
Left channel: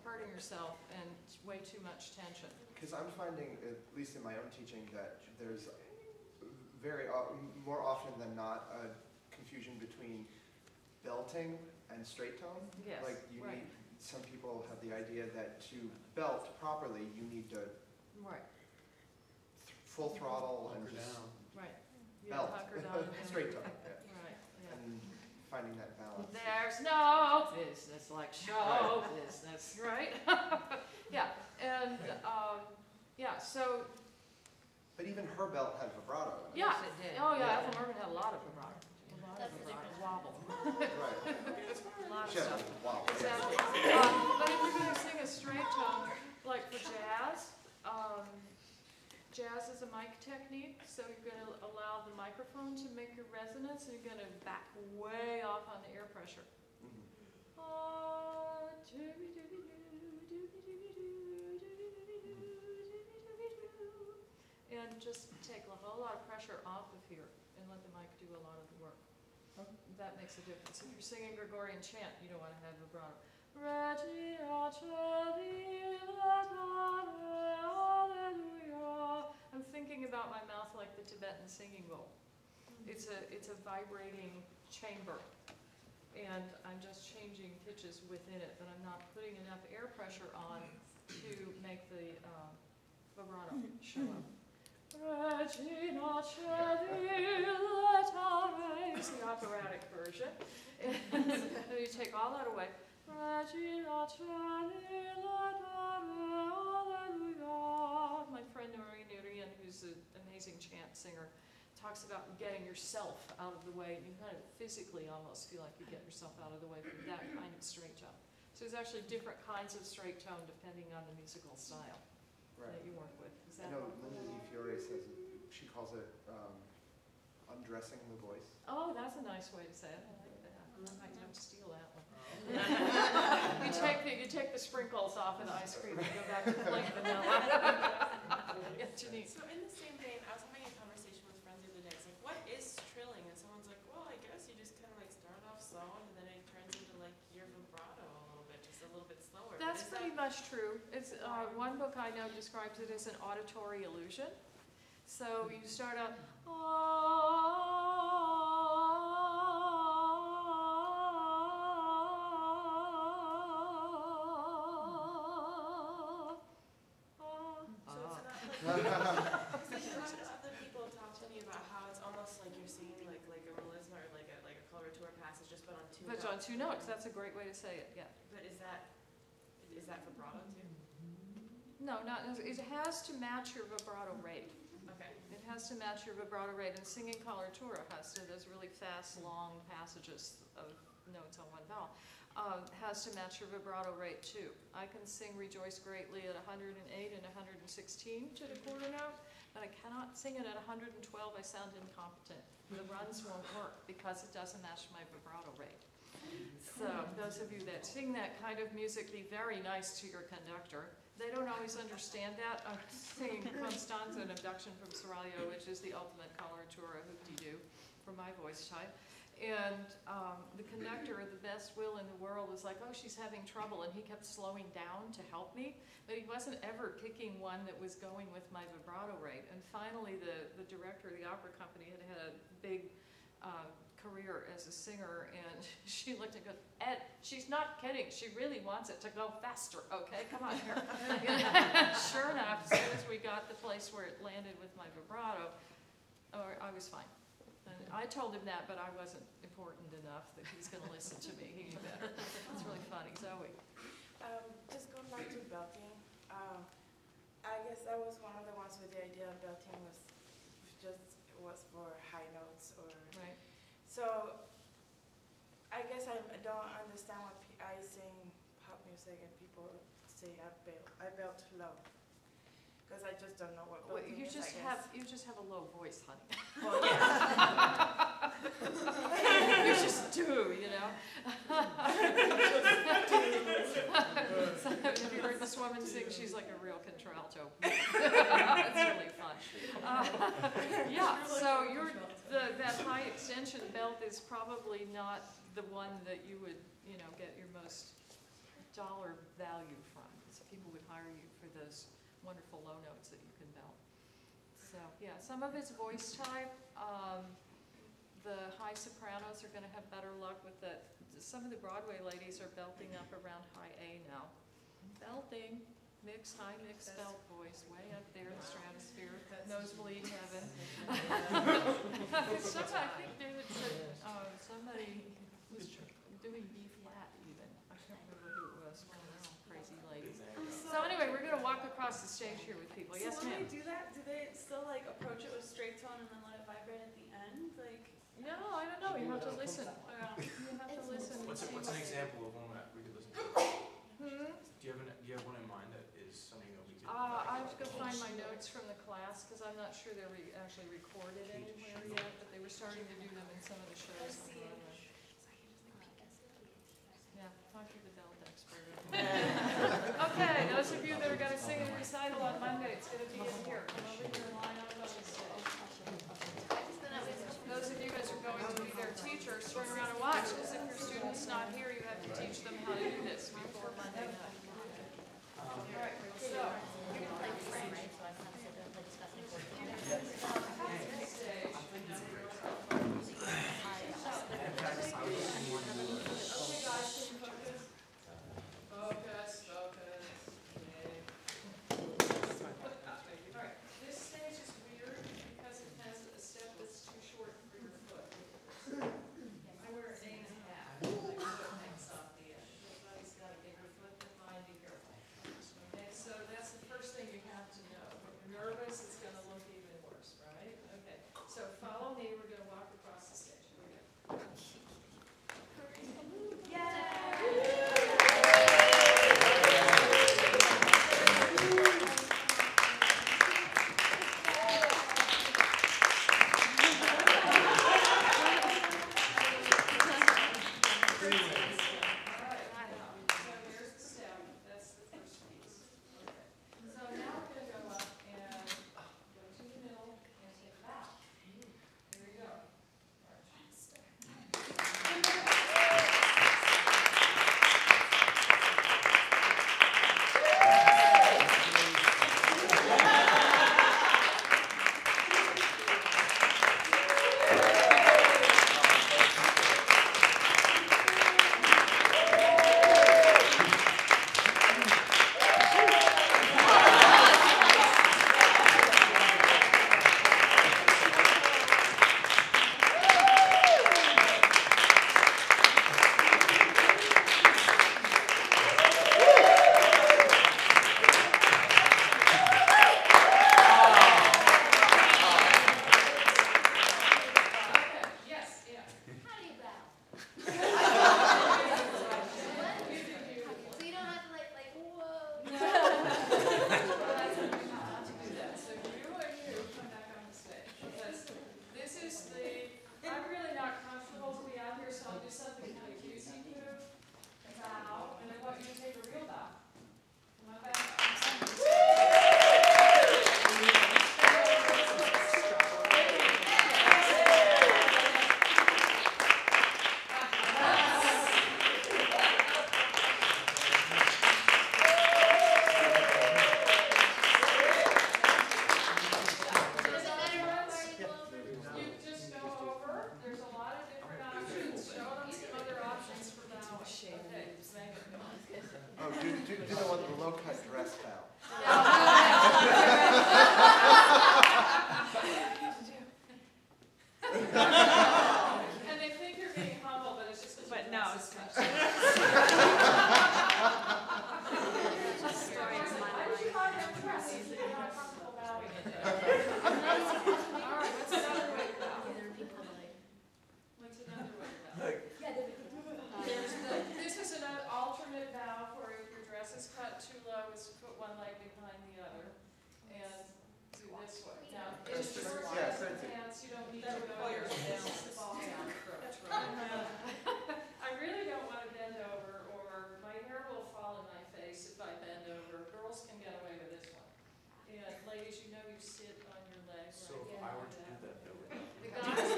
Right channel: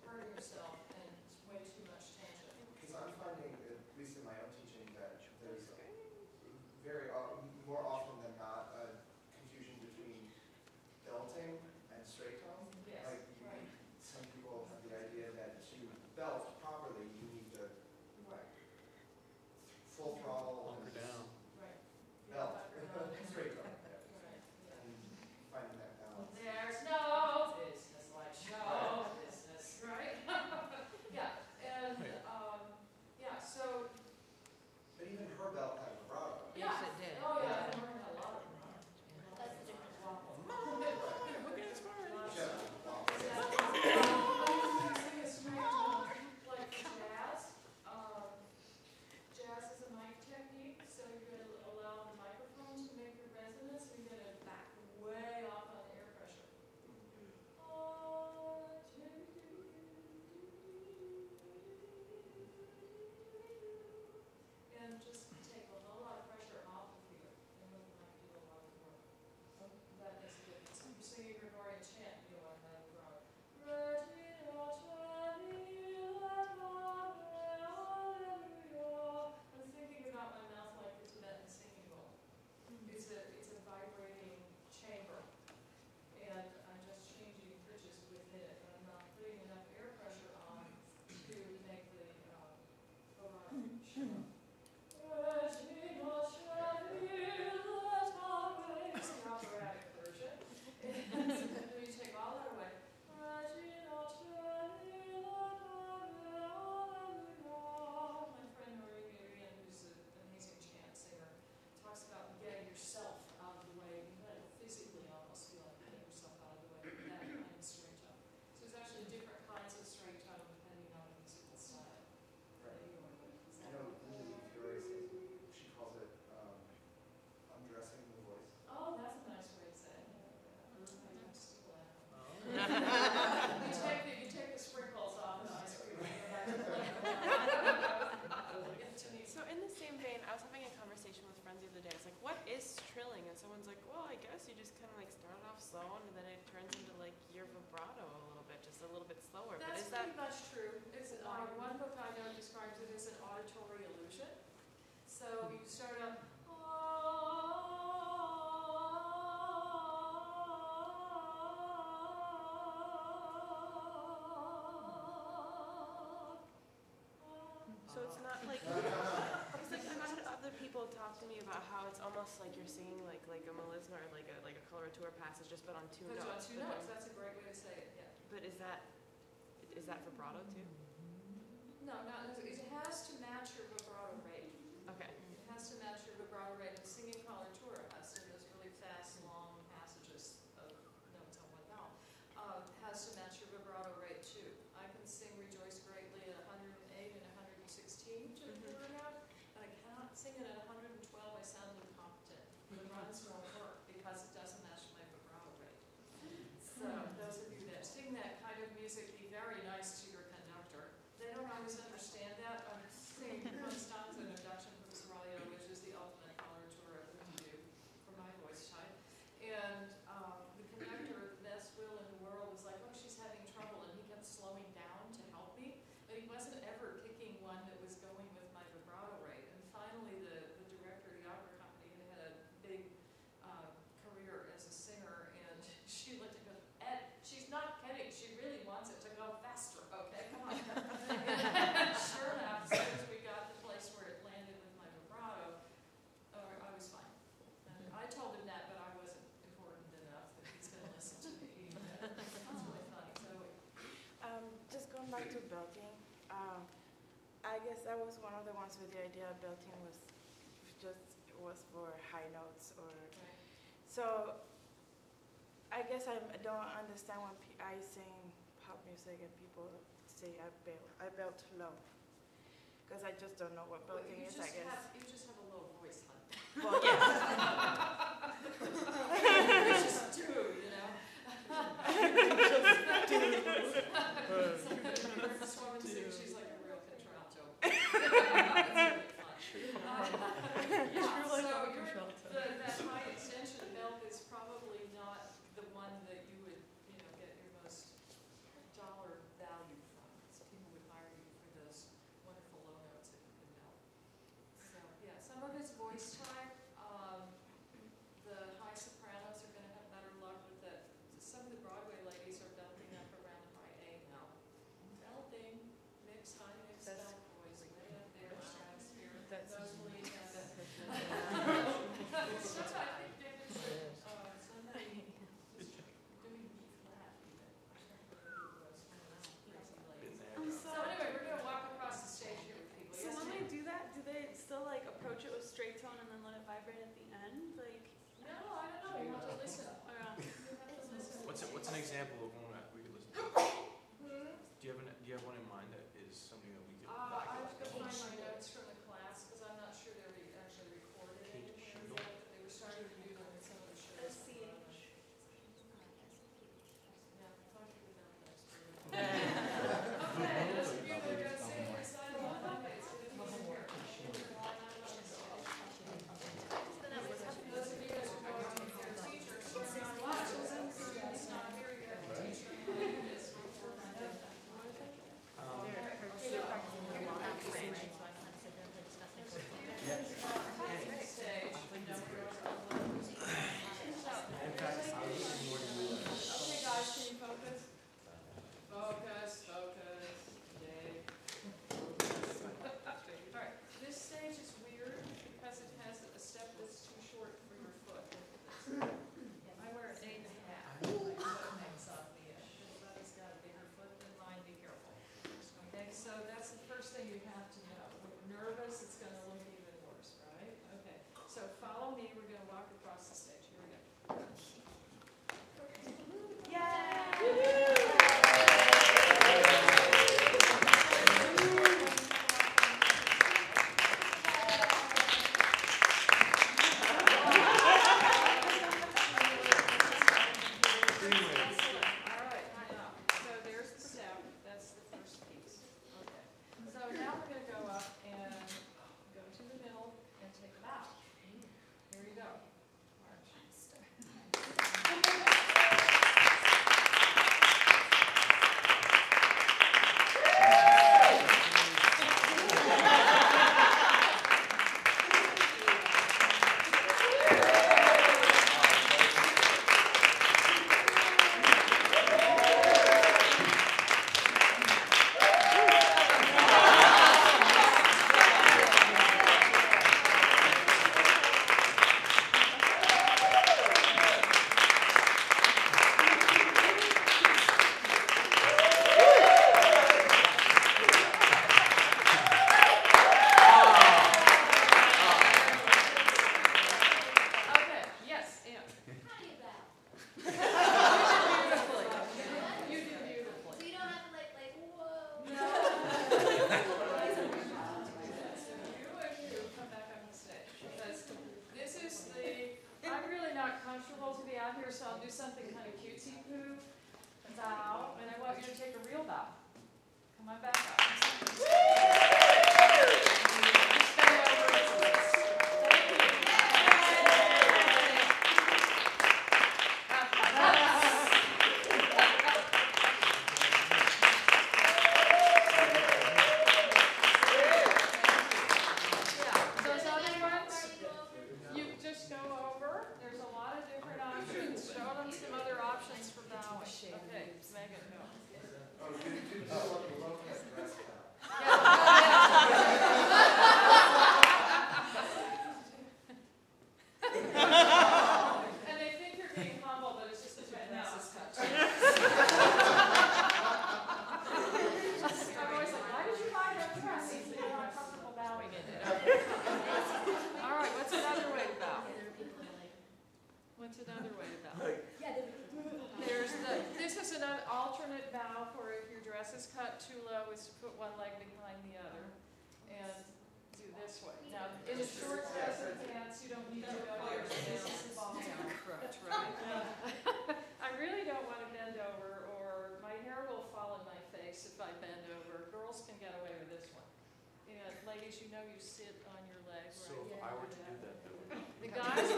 hurting yourself and way too much tension. Because I'm finding, at least in my own teaching, that there's more often than not a confusion between belting and straight tone. Yes, Like you right. need, some people have the idea that to belt properly, you need to Right, full throttle and Hunker just down. right. You belt. hunker down and- Straight tone. Yeah. Right, yeah. And finding that balance. There's no business like show business, right? Yeah, and, yeah, so, But even her belt had vibrato. yeah. Yes, it did. Oh, yeah, Yeah. Ethel Merman had a lot of vibrato. That's the difference. Wobble. Right. A lot of She had stuff. a wow. Exactly. But if you're going to sing a straight tone, like for jazz, jazz is a mic technique, so you're going to allow the microphone to make your resonance, and you're going to back way off on the air pressure. And just take a whole lot of pressure off of here and let the mic do a lot of the work. That makes a difference. If you're singing Gregorian chant, you don't want to have vibrato. I'm thinking about my mouth like the Tibetan singing bowl. It's a vibrating chamber, and I'm just changing pitches within it, but I'm not putting enough air pressure on to make the vibrato show up. It's the operatic version. And then you take all that away. My friend Noreen Urian, who's an amazing chant singer, talks about getting yourself out of the way. You kind of physically almost feel like you get yourself out of the way with that kind of straight tone. So there's actually different kinds of straight tone depending on the musical style that you work with. Is I that know Lindsay Fiore says, she calls it undressing the voice. Oh, that's a nice way to say it. I like that. I might have to steal that one. like vanilla. Yeah, Janine. So in the same vein, I was having a conversation with friends the other day. It's like, what is trilling? And someone's like, well, I guess you just kind of like start off slow and then it turns into like your vibrato a little bit, just a little bit slower. But That's is that pretty much true. It's, one book I know describes it as an auditory illusion. So you start out, so it's not like I've had other people talk to me about how it's almost like you're singing like a melisma or like a coloratura passage just but on two but it's notes. on two notes. That's a great way to say it, yeah. But is that vibrato too? No, not, it has to match your vibrato rate. Okay. It has to match your vibrato rate, and singing coloratura has to, those really fast, long passages of notes on one vowel, has to match your vibrato rate too. I can sing Rejoice Greatly at 108 and 116 to the quarter note, but I cannot sing it at 112, I sound incompetent. The runs won't work because it doesn't match my vibrato rate. So those of you that sing that kind of music, be very nice to your conductor. They don't always understand that. I'm singing Constanza, an abduction from Seraglio, which is the ultimate coloratura hoop-de-doo for my voice type. And the conductor, the best will in the world, was like, oh, she's having trouble, and he kept slowing down to help me, but he wasn't ever picking one that was going with my vibrato rate. And finally, the director of the opera company had a big career as a singer, and she looked and goes, Ed, she's not kidding. She really wants it to go faster. Okay, come on. Sure enough, as soon as we got the place where it landed with my vibrato, I was fine. And I told him that, but I wasn't important enough that he's going to listen to me. It's really funny. Zoe. Just going back to belting, I guess I was one of the ones with the idea of belting was for high notes or. Right. So, I guess I don't understand when I sing pop music and people say I belt low, because I just don't know what Well, belting you is. just I guess. you just have a low voice, honey. Well, yeah. You just do, you know. Have you heard this woman sing? She's like a real contralto. It's really fun. Yeah, so that high extension belt is probably not the one that you would, get your most dollar value from. So people would hire you for those wonderful low notes that you can belt. So, yeah, some of it's voice type. The high sopranos are going to have better luck with that. Some of the Broadway ladies are belting up around high A now. Belting, high mix belt voice, way up there, stratosphere, that nosebleed heaven. I think there was somebody was doing B flat even. I can't remember who it was, one of those crazy ladies. So anyway, we're going to walk across the stage here with people. So Yes, when ma'am? they do that, do they still like approach it with straight tone and then let it vibrate at the end? Like, No, I don't know. You have to listen. I don't know. You have to listen. What's an example of one that we could listen to? Do you have one in mind that is something that we could? I was going to find my notes from the class because I'm not sure they were actually recorded anywhere yet, but they were starting to do them in some of the shows. at the moment. Yeah, talk to the belt expert. Okay, those of you that are going to sing a recital on Monday, it's going to be in here. Those of you that are going to be their teachers, turn around and watch, because if your student's not here, you have to teach them how to do this before Monday night. All right, so. Stage. In a short dress and pants, you don't need to pull your ball down crooked, right? I really don't want to bend over, or my hair will fall in my face if I bend over. Girls can get away with this one. And ladies, you know you sit on your leg, right? So if I were to do that, though, would The guys,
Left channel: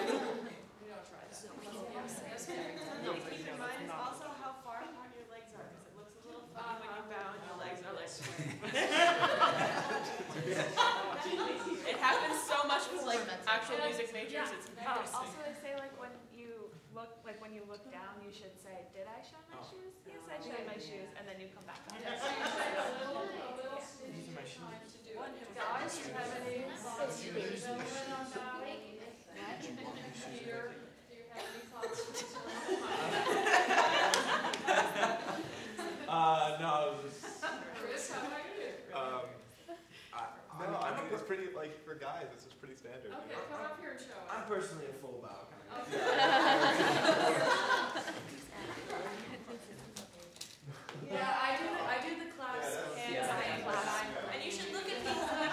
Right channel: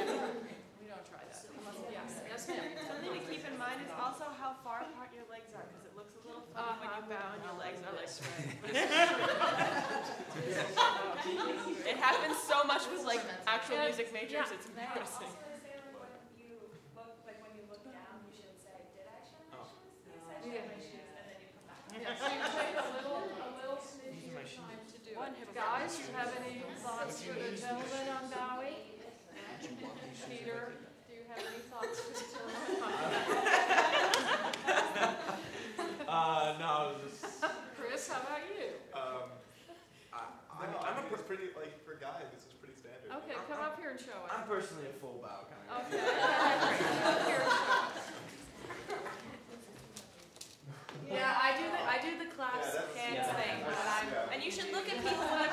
we don't try that. Yes, ma'am. Something to keep in mind is also how far apart your legs are, because it looks a little funny when you bow and your legs are like. It happens so much with like actual music majors. It's embarrassing. Also, they say like when you look down, you should say, "Did I show my shoes? Yes, I showed my shoes," and then you come back. Yeah, so you take a little snitty time to do it. Guys, do you have any thoughts? When I'm bowing, Peter, do you have any thoughts for today? No, I was just, Chris, how about you? I'm a it's pretty, like, for guys, this is pretty standard. Okay, come up here and show us. I'm personally a full bow kind of guy. Yeah, I do the class hands yeah. thing, Yeah. and you should look at people Yeah,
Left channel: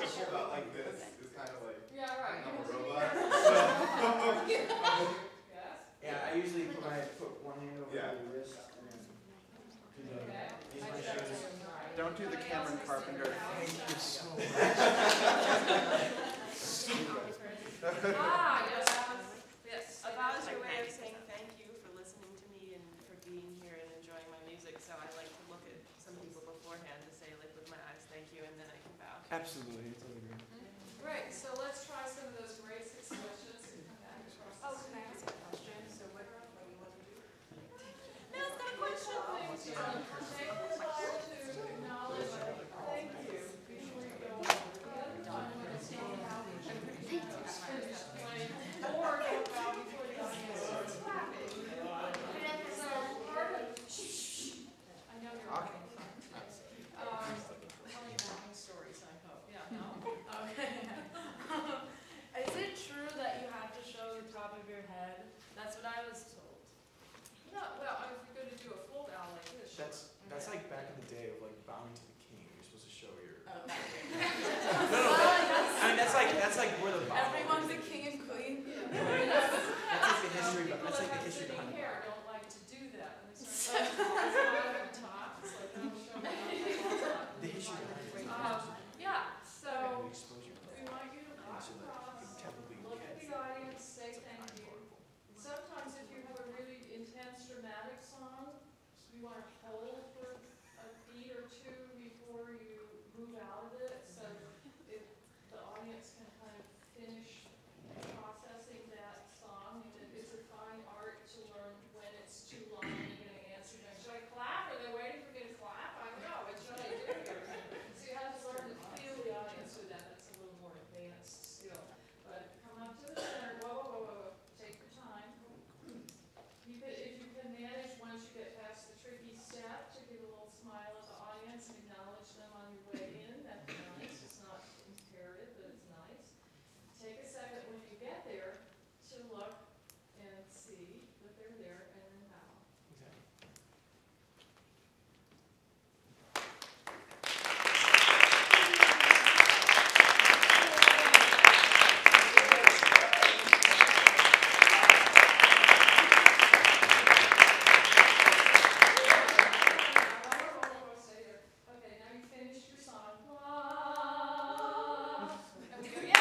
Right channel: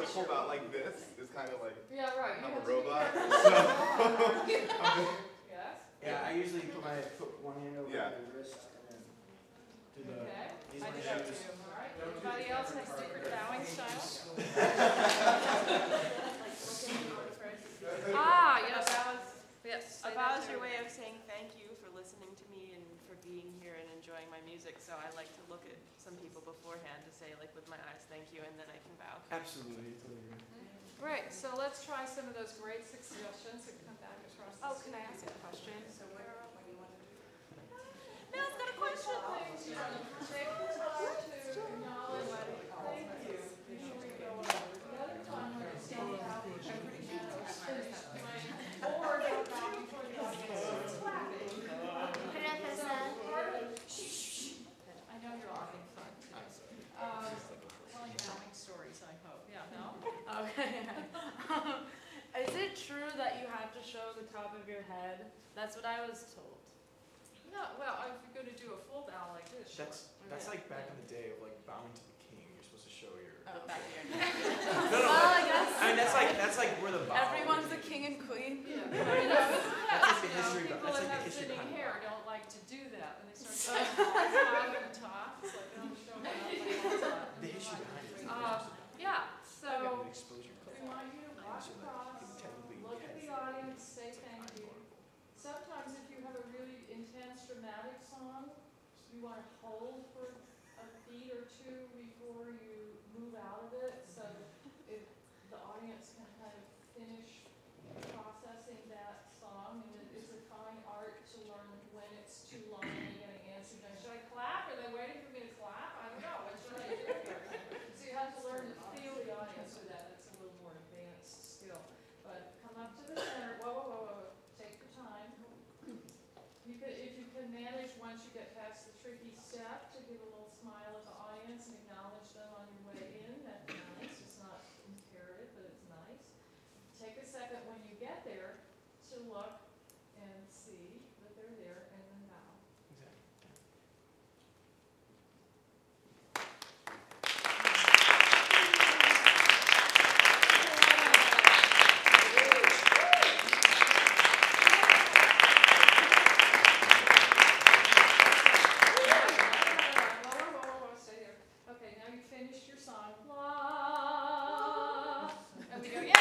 the pull out like this is kind of like Yeah, right. I'm You a have to be robot. careful. Yes? Yeah, I usually put one hand over Yeah. the wrist and then do the Okay. use I my did that shoes. too, all right. Don't do the Anybody else Cameron have Carpenter. secret bowing style? yes, Yes. A bow is your way of saying thank you for listening to me and for being here and enjoying my music. So I like to look at some people beforehand to say like with my eyes thank you, and then I can bow. Absolutely, totally agree. Great, so let's try some of those great suggestions and come back across. Oh, can I ask a question? So what do you want to do? Things you want to take the time to acknowledge, thank you, before you go over. The other time when it's not out, I'm pretty finished playing, or don't bow before the audience starts clapping. So part of, I know you're all having fun. Telling happy stories, I hope, yeah, no? Okay. Is it true that you have to show the top of your head? That's what I was told. No, well, if you're gonna do a full bow like this, sure. that's like back in the day of like bowing to the king. You're supposed to show your. Oh, No, I mean that's like where the bow. everyone's a king and queen. That's like the history. People That's like that the have history thinning behind hair bow. don't like to do that, and it's like, out of the top, it's like, oh, show me how The history behind it. yeah, so, You expose your we want you to walk so that across, you technically look at can the audience, say thank you. unguardable. Sometimes if you have a really intense dramatic song, you want to hold for a beat or two before you move out of it, so if the audience can kind of finish processing that song, and it's a fine art to learn when it's too long and you're going to answer them. Should I clap? Are they waiting for me to clap? I don't know. What should I do? So you have to learn to feel the audience with that. That's a little more advanced skill. But come up to the center. Whoa. Take your time. You could, if you can manage once you get past the tricky step, to give a little smile at the audience and acknowledge them on your way in. That's nice. It's not imperative, but it's nice. Take a second when you get there to look and see that they're there and then bow. Exactly. Okay, now you finished your song. And we go, yay!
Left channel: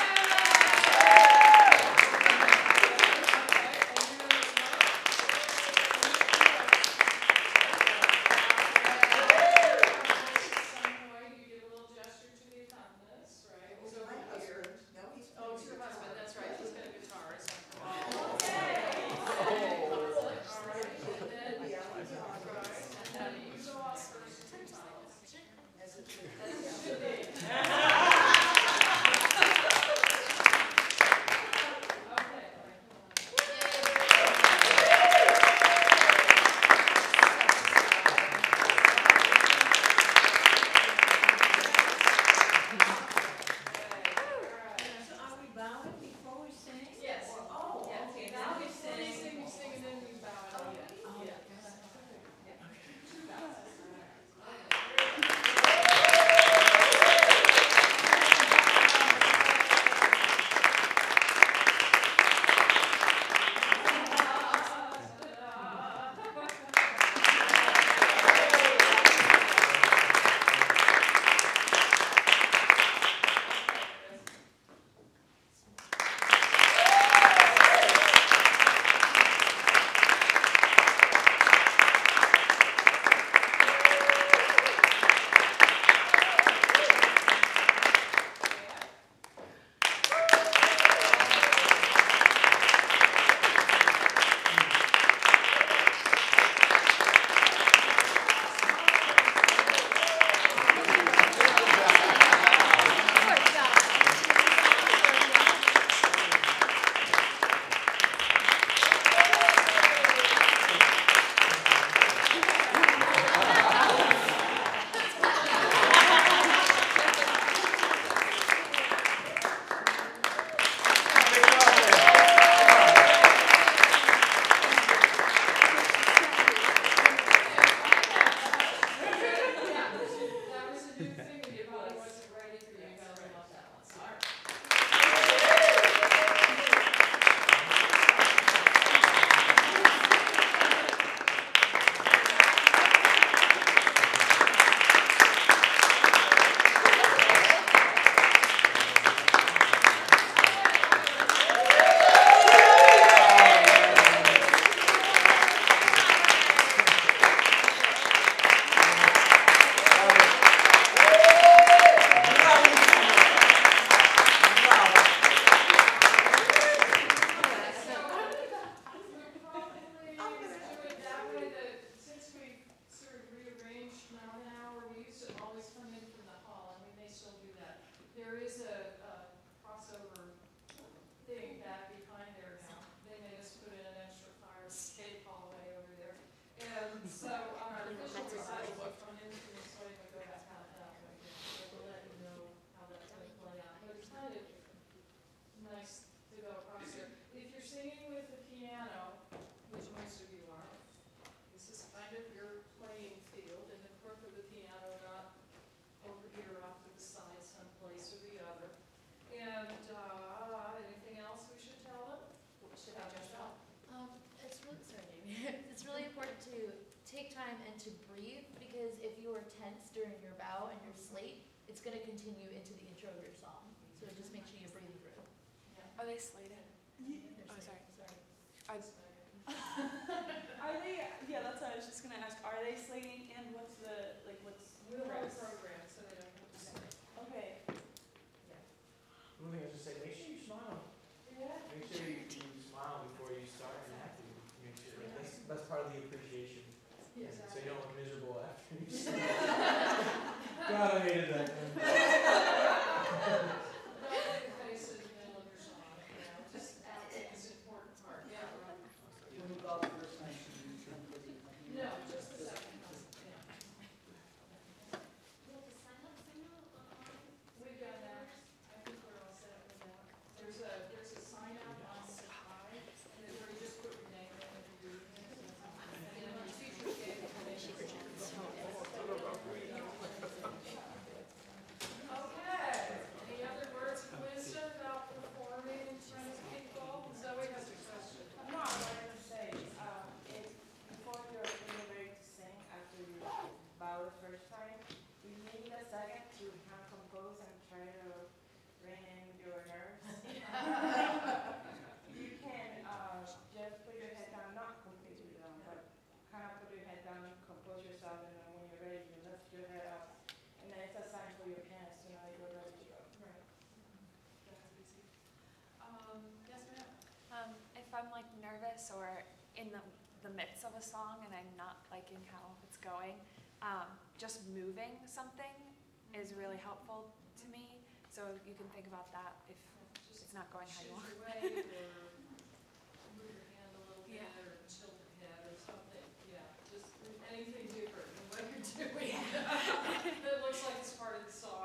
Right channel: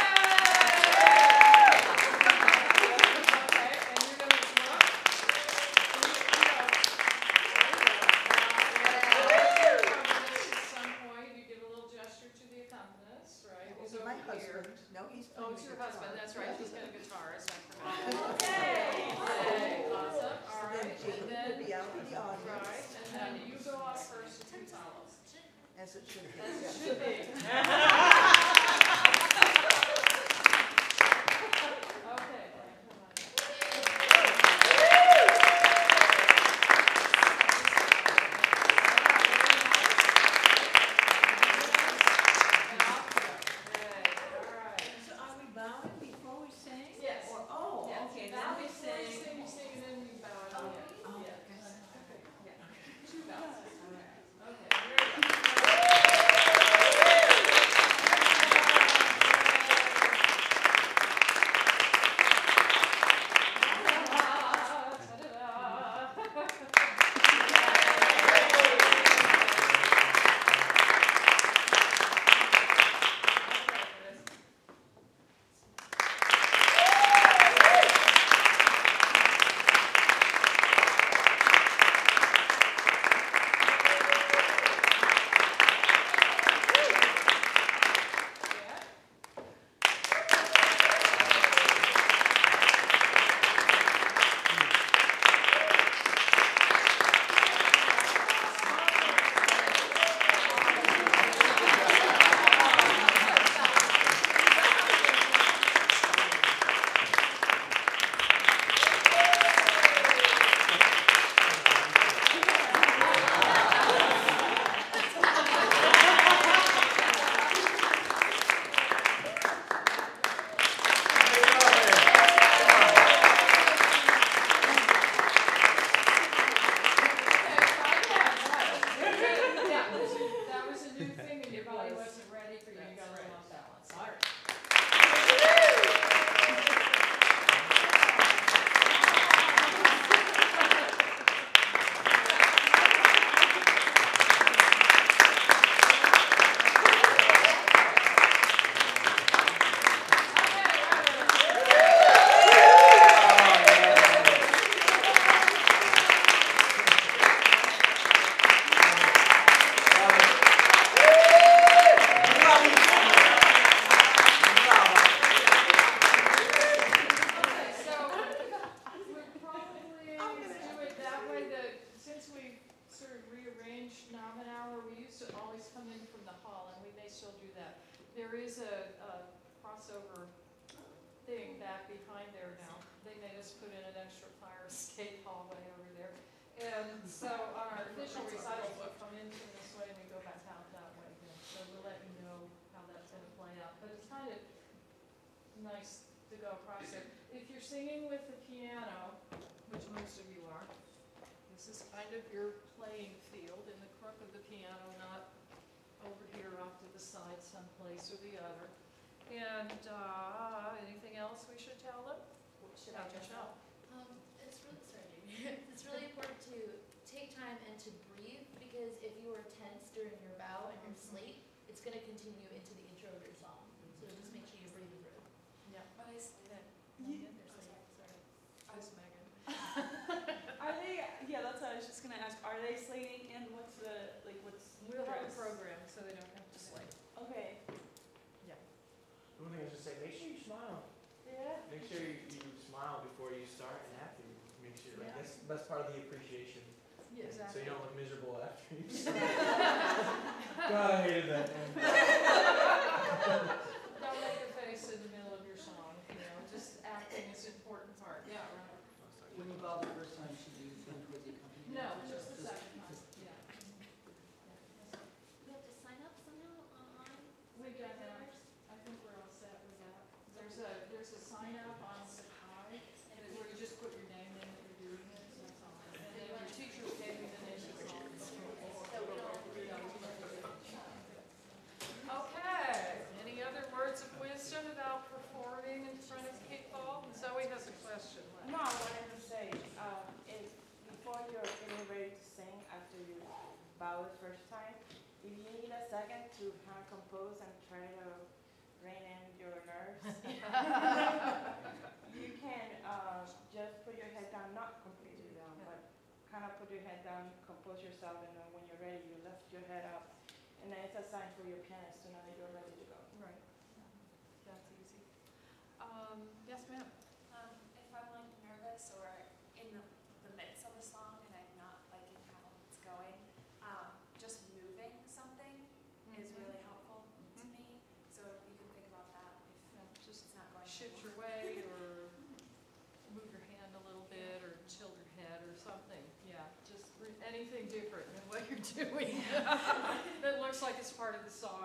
there's a crossover thing back behind there now. They made us put in an extra fire escape hallway over there. And so our official recitals will come in this way and we go back out that way again. So we'll let you know how that's gonna play out. But it's kind of nice to go across there. If you're singing with the piano, which most of you are, this is kind of your playing field in the crook of the piano, not over here off to the side someplace or the other. And, anything else we should tell them? Should I tell? It's really, sorry, Jamie. It's really important to take time and to breathe, because if you are tense during your bow and your slate, it's gonna continue into the intro of your song. So just make sure you breathe through. Yeah. Are they slated? Oh, sorry. Thanks, Megan. Are they, yeah, that's what I was just gonna ask, are they slating and what's the, like, what's? We'll have a dress? program so they don't have to slate. Okay, Yeah. One thing I was just saying, make sure you smile. Yeah. Make sure you smile before you start and after you. Make sure, like, that's part of the appreciation. Yeah, So exactly. you don't look miserable after you start. God, I hated that. Man. Don't make a face in the middle of your song, you know, just acting is an important part. Yeah, right. When we got the first time, she didn't drink with it. No, just the second one, yeah. You have to sign up online? We've got that. I think we're all set with that. There's a sign up on the side, and where you just put your name in and your doing this. And then the teacher gave you the nation song. Okay, any other words of wisdom about performing in front of people? Zoe has a question. No, I wanted to say, if before you're getting ready to sing, after you bow the first time, if you need a second to kind of compose and try to rein in your nerves, you can just put your head down, not completely down, but kind of put your head down, compose yourself, and then when you're ready, you lift your head up, and then it's a sign for your hands to know that you're ready to go. Right. That's easy. Yes, ma'am. if I'm like nervous or in the midst of a song and I'm not liking how it's going, just moving something is really helpful to me. So you can think about that if Just it's not going how shift you want. your way or move your hand a little bit or tilt your head or something. Yeah, just anything different than what you're doing. That looks like it's part of the song.